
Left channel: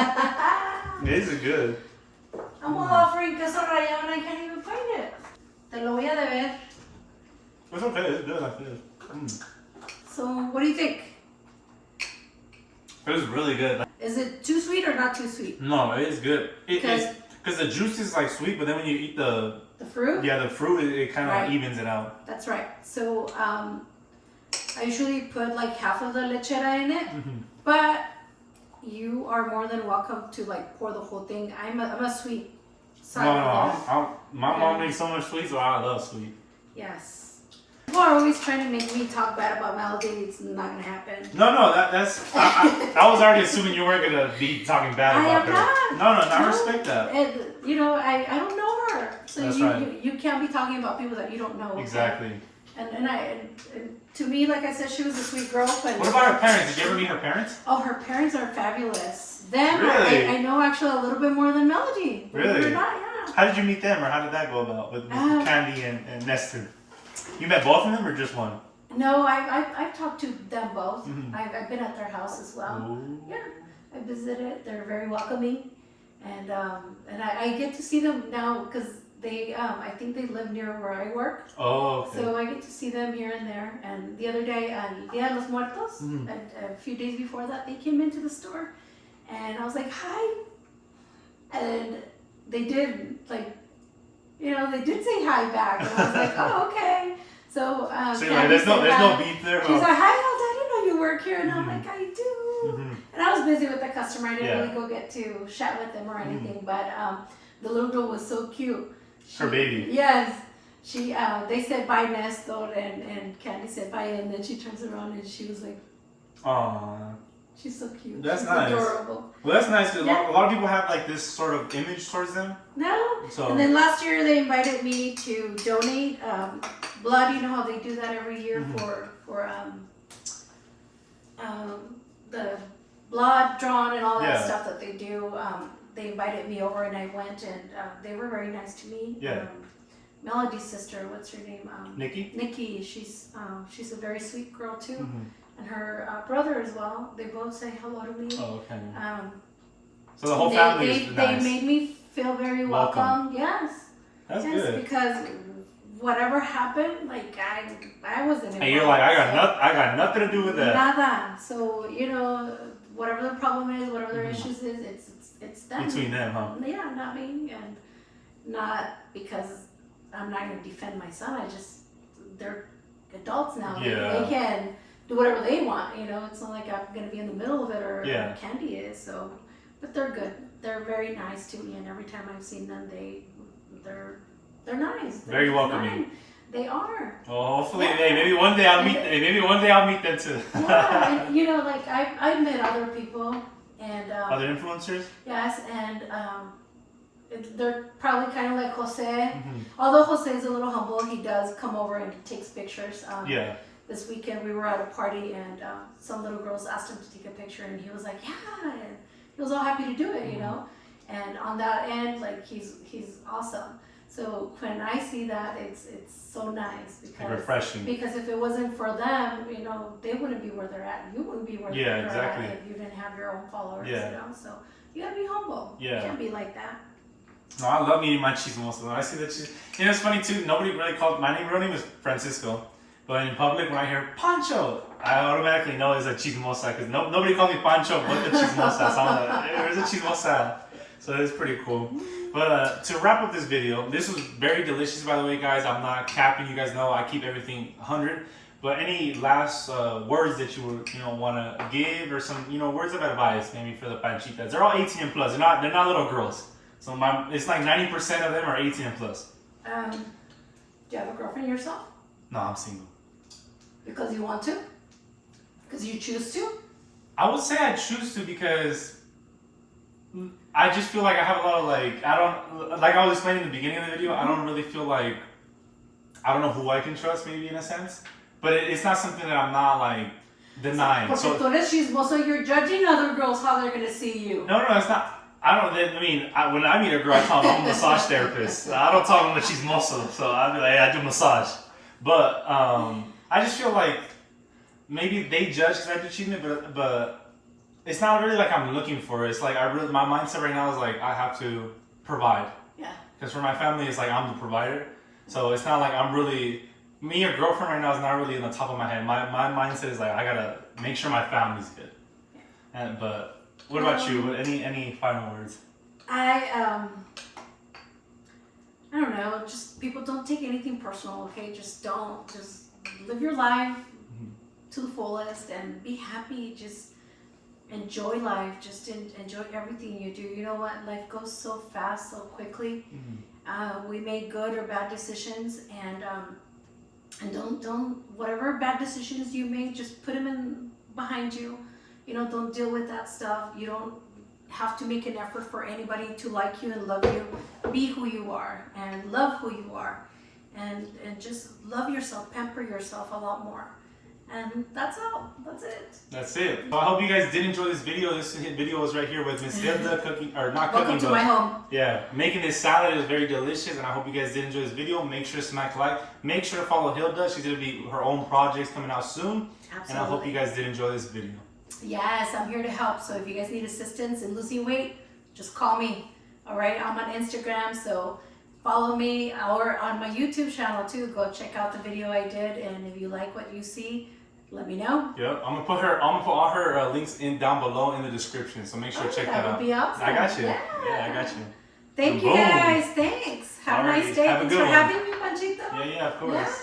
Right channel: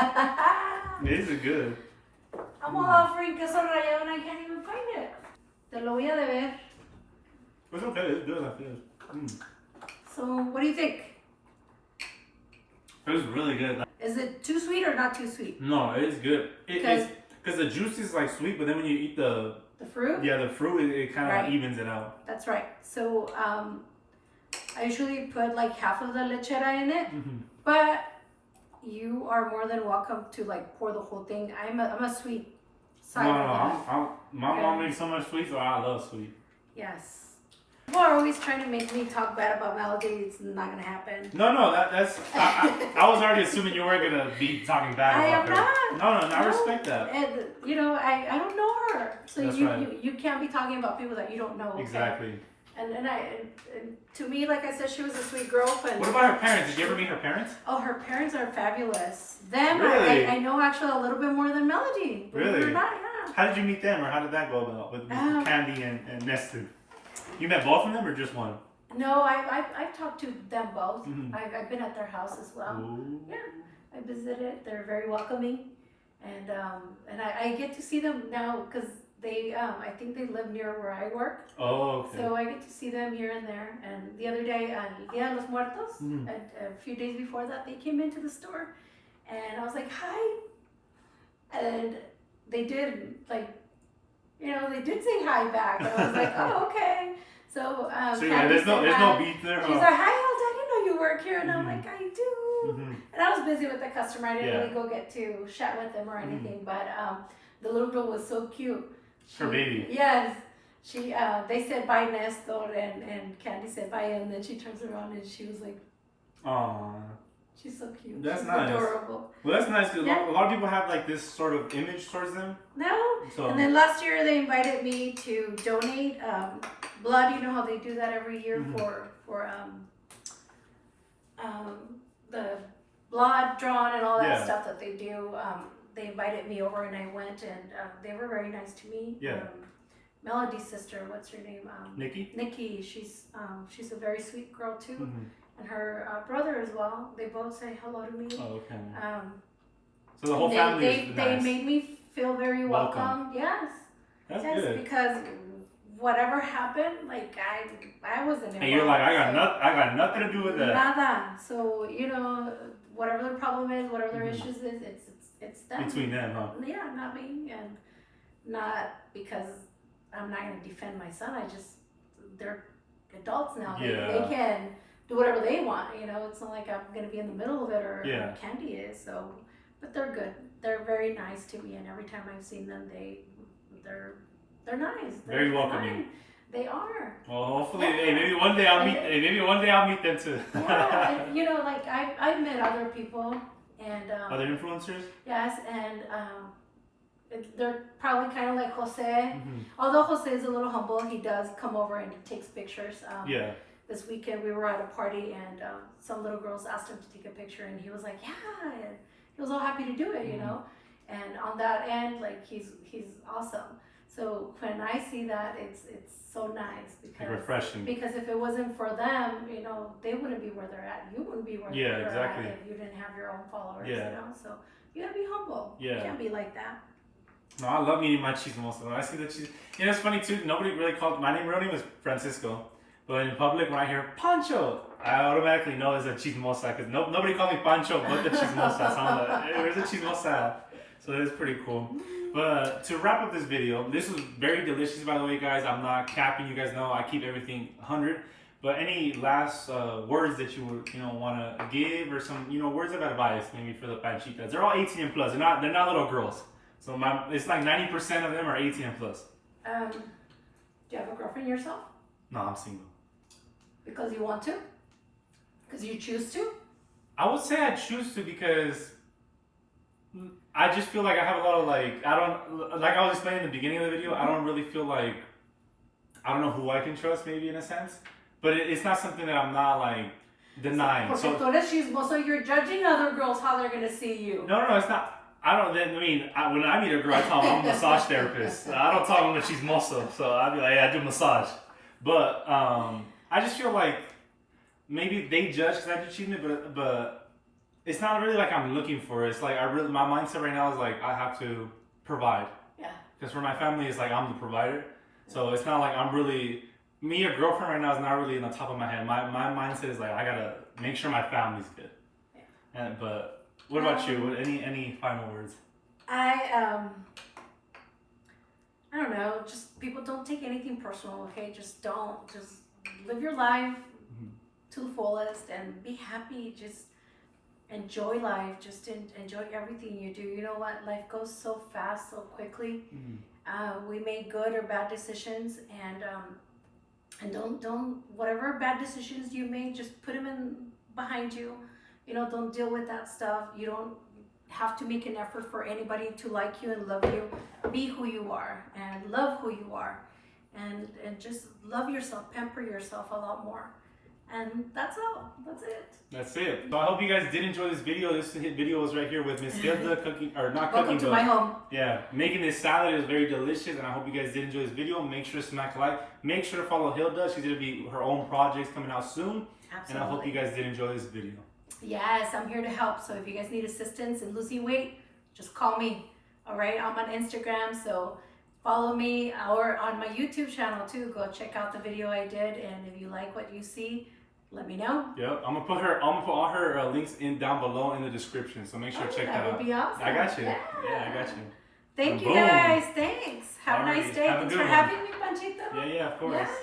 This is good. I'm offering queso rallado and I can't even find it. Te lo voy a deber. It's okay. It's good like this. So, what do you think? It was really good. Is it too sweet or not too sweet? No, it is good. Because the juice is like sweet, but then when you eat the fruit? the fruit, it kind of Right. evens it out. That's right. So, I usually put like half of the lechera in it, but you are more than welcome to like pour the whole thing. I'm a sweet side of that. My mom makes so much sweet, so I love sweet. Yes. People are always trying to make me talk bad about Melody. It's not gonna happen. No, that's. I was already assuming you weren't gonna be talking bad I about am her. not. No, I respect that. And, you know, I don't know her, so That's you, right. you can't be talking about people that you don't know. Okay? Exactly. And to me, like I said, she was a sweet girl. But What about her parents? Did you ever meet her parents? oh, her parents are fabulous. Them, Really? I know actually a little bit more than Melody. Believe it or Really? not, yeah. How did you meet them, or how did that go about with Candy and Nestor? You met both of them, or just one? No, I've talked to them both. Mhm. I've been at their house as well. Ooh. Yeah, I visited. They're very welcoming, and I get to see them now because they I think they live near where I work. Oh, okay. So I get to see them here and there. And the other day, Dia de los Muertos, Mhm. a few days before that, they came into the store, and I was like, "Hi," and they did they did say hi back. And I was like, "Oh, okay." So So Candy there's said no hi. beef there. She's like, "Hi, Hilda, I didn't know you work here," and I'm Mhm. like, "I do." Mhm. And I was busy with the customer. I didn't Yeah. really go get to chat with them or anything. But the little girl was so cute. Her baby. Yes. She they said bye Nestor and Candy said bye, and then she turns around and she was like, Aw. she's so cute. That's She's nice. adorable. Well, that's nice. 'Cause Yeah. a lot of people have like this sort of image towards them. No. So. And then last year they invited me to donate blood. You know how they do that every year for the blood drawn and all that Yeah. stuff that they do. They invited me over and I went, and they were very nice to me. Yeah. Melody's sister, what's her name? Nikki. Nikki. She's a very sweet girl too, Mhm. and her brother as well. They both say hello to me. Oh, okay. So the whole family is nice. They made me feel very Welcome. welcome. Yes. That's Yes, good. because whatever happened, like I wasn't involved. And you're like, I got nothing to do with that. Nada. So whatever the problem is, whatever their issues is, it's them. Between them, huh? Yeah, not me, and not because I'm not gonna defend my son. They're adults now. Yeah. They can do whatever they want. It's not like I'm gonna be in the middle of it or Yeah. Candy is. So, but they're good. They're very nice to me, and every time I've seen them, they're nice. They're Very just welcoming. nice. They are. Well, hopefully, Yeah. hey, maybe one day I'll meet them too. Yeah, and like I've met other people, and Other influencers? yes, and they're probably kind of like Jose. Mm-hmm. Although Jose is a little humble, he does come over and he takes pictures. Yeah. This weekend we were at a party and some little girls asked him to take a picture, and he was like, "Yeah," and he was all happy to do it, you know. And on that end, like he's awesome. So when I see that, it's so nice because Refreshing. Because if it wasn't for them, they wouldn't be where they're at. You wouldn't be where Yeah, they're exactly. at if you didn't have your own followers. Yeah. So you gotta be humble. Yeah. You can't be like that. No, I love meeting my chismoso. I see that it's funny too. Nobody really called my name. My real name is Francisco, But in public, when I hear Pancho, I automatically know it's a chismosa because nobody calls me Pancho but the chismosa. So I'm like, hey, where's the chismosa? So it's pretty cool. But to wrap up this video, this was very delicious, by the way, guys. I'm not capping. You guys know I keep everything 100. But any last words that you would, want to give, or some, words of advice maybe for the panchitas? They're all 18 and plus. They're not little girls. So it's like 90% of them are 18 and plus. Do you have a girlfriend yourself? No, I'm single. Because you want to? Because you choose to? I would say I choose to because I just feel like I have a lot of like I was explaining in the beginning of the video, I don't really feel like, I don't know who I can trust maybe in a sense, but it's not something that I'm not like denying. Porque So tú eres chismoso, you're judging other girls how they're gonna see you. no, it's not. When I meet a girl, I tell them I'm a massage therapist. I don't tell them that she's muscle, so I'd be like, hey, I do massage. But I just feel like maybe they judge because I do cheating, but it's not really like I'm looking for it. It's like my mindset right now is like I have to provide. Yeah. Because for my family, it's like I'm the provider. So it's not like I'm really, me or girlfriend right now is not really on the top of my head. My mindset is like I gotta make sure my family's good. But what about you? Any final words? I don't know. Just people don't take anything personal, okay? Just live your life to the fullest and be happy. Just enjoy life. Just enjoy everything you do. You know what? Life goes so fast, so quickly. We make good or bad decisions, and don't whatever bad decisions you make, just put them behind you. Don't deal with that stuff. You don't have to make an effort for anybody to like you and love you. Be who you are and love who you are, and just love yourself, pamper yourself a lot more. And that's all. That's it. That's it. So I hope you guys did enjoy this video. This video was right here with Miss Hilda cooking, or not cooking. Welcome to my home. Yeah, making this salad. It was very delicious, and I hope you guys did enjoy this video. Make sure to smack like. Make sure to follow Hilda. She's gonna be her own projects coming out soon. Absolutely. And I hope you guys did enjoy this video. Yes, I'm here to help. So if you guys need assistance in losing weight, just call me. All right, I'm on Instagram, so follow me, or on my YouTube channel too. Go check out the video I did, and if you like what you see, let me know. Yep, I'm gonna put all her links down below in the description. So make sure to check that out. That would be awesome. I got you. Yeah, I got you. Thank you Boom. guys. Thanks. Have a nice Alrighty, day. have a Thanks good for one. having me, Panchito. Yeah, of course.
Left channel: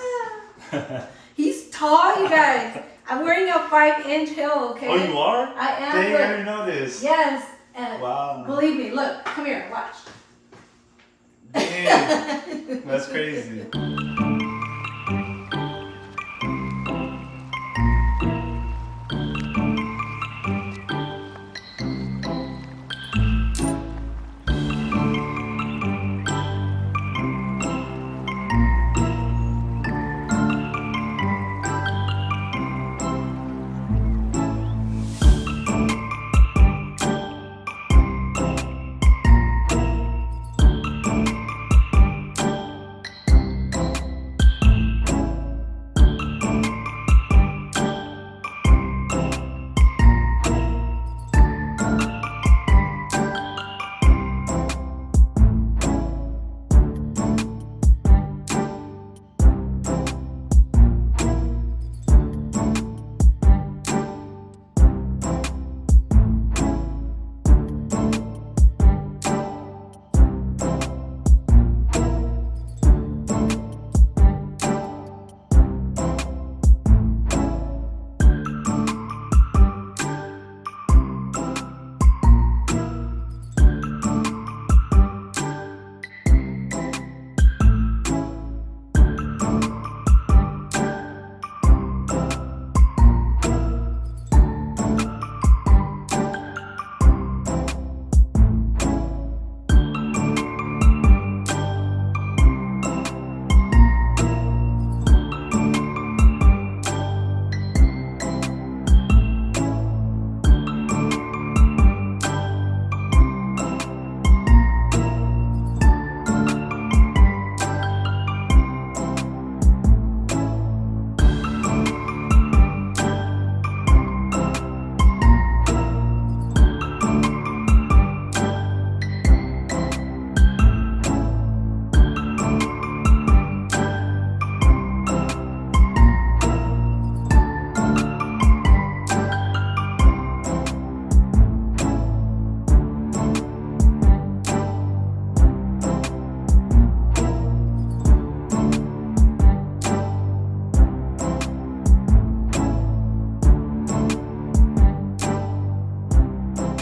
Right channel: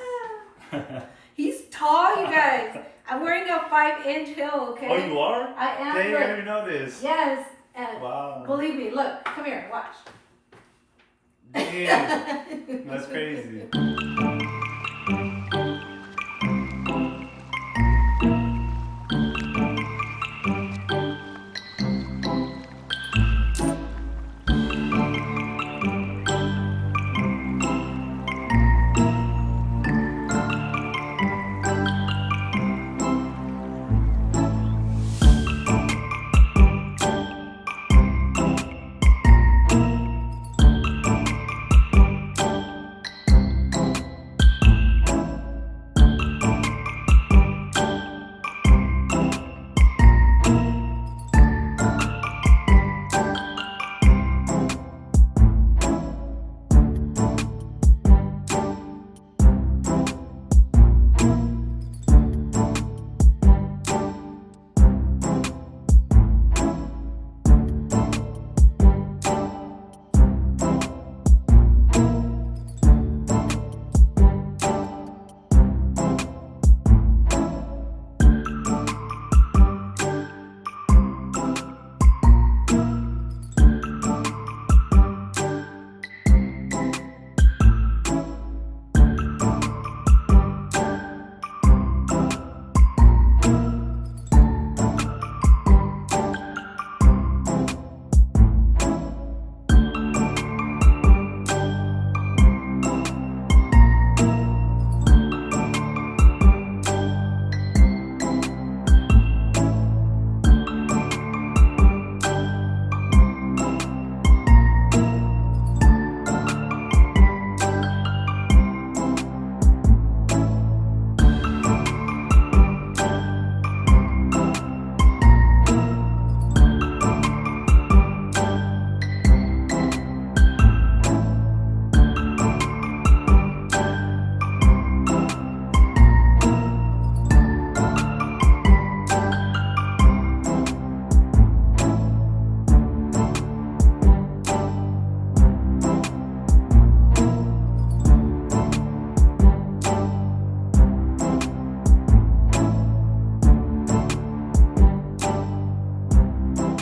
Yeah. He's tall, you guys. I'm wearing a 5-inch heel, okay? Oh, you are? I am. Dang, I Look. didn't know this. Yes. And Wow. believe me, look, come here, watch. Damn. That's crazy.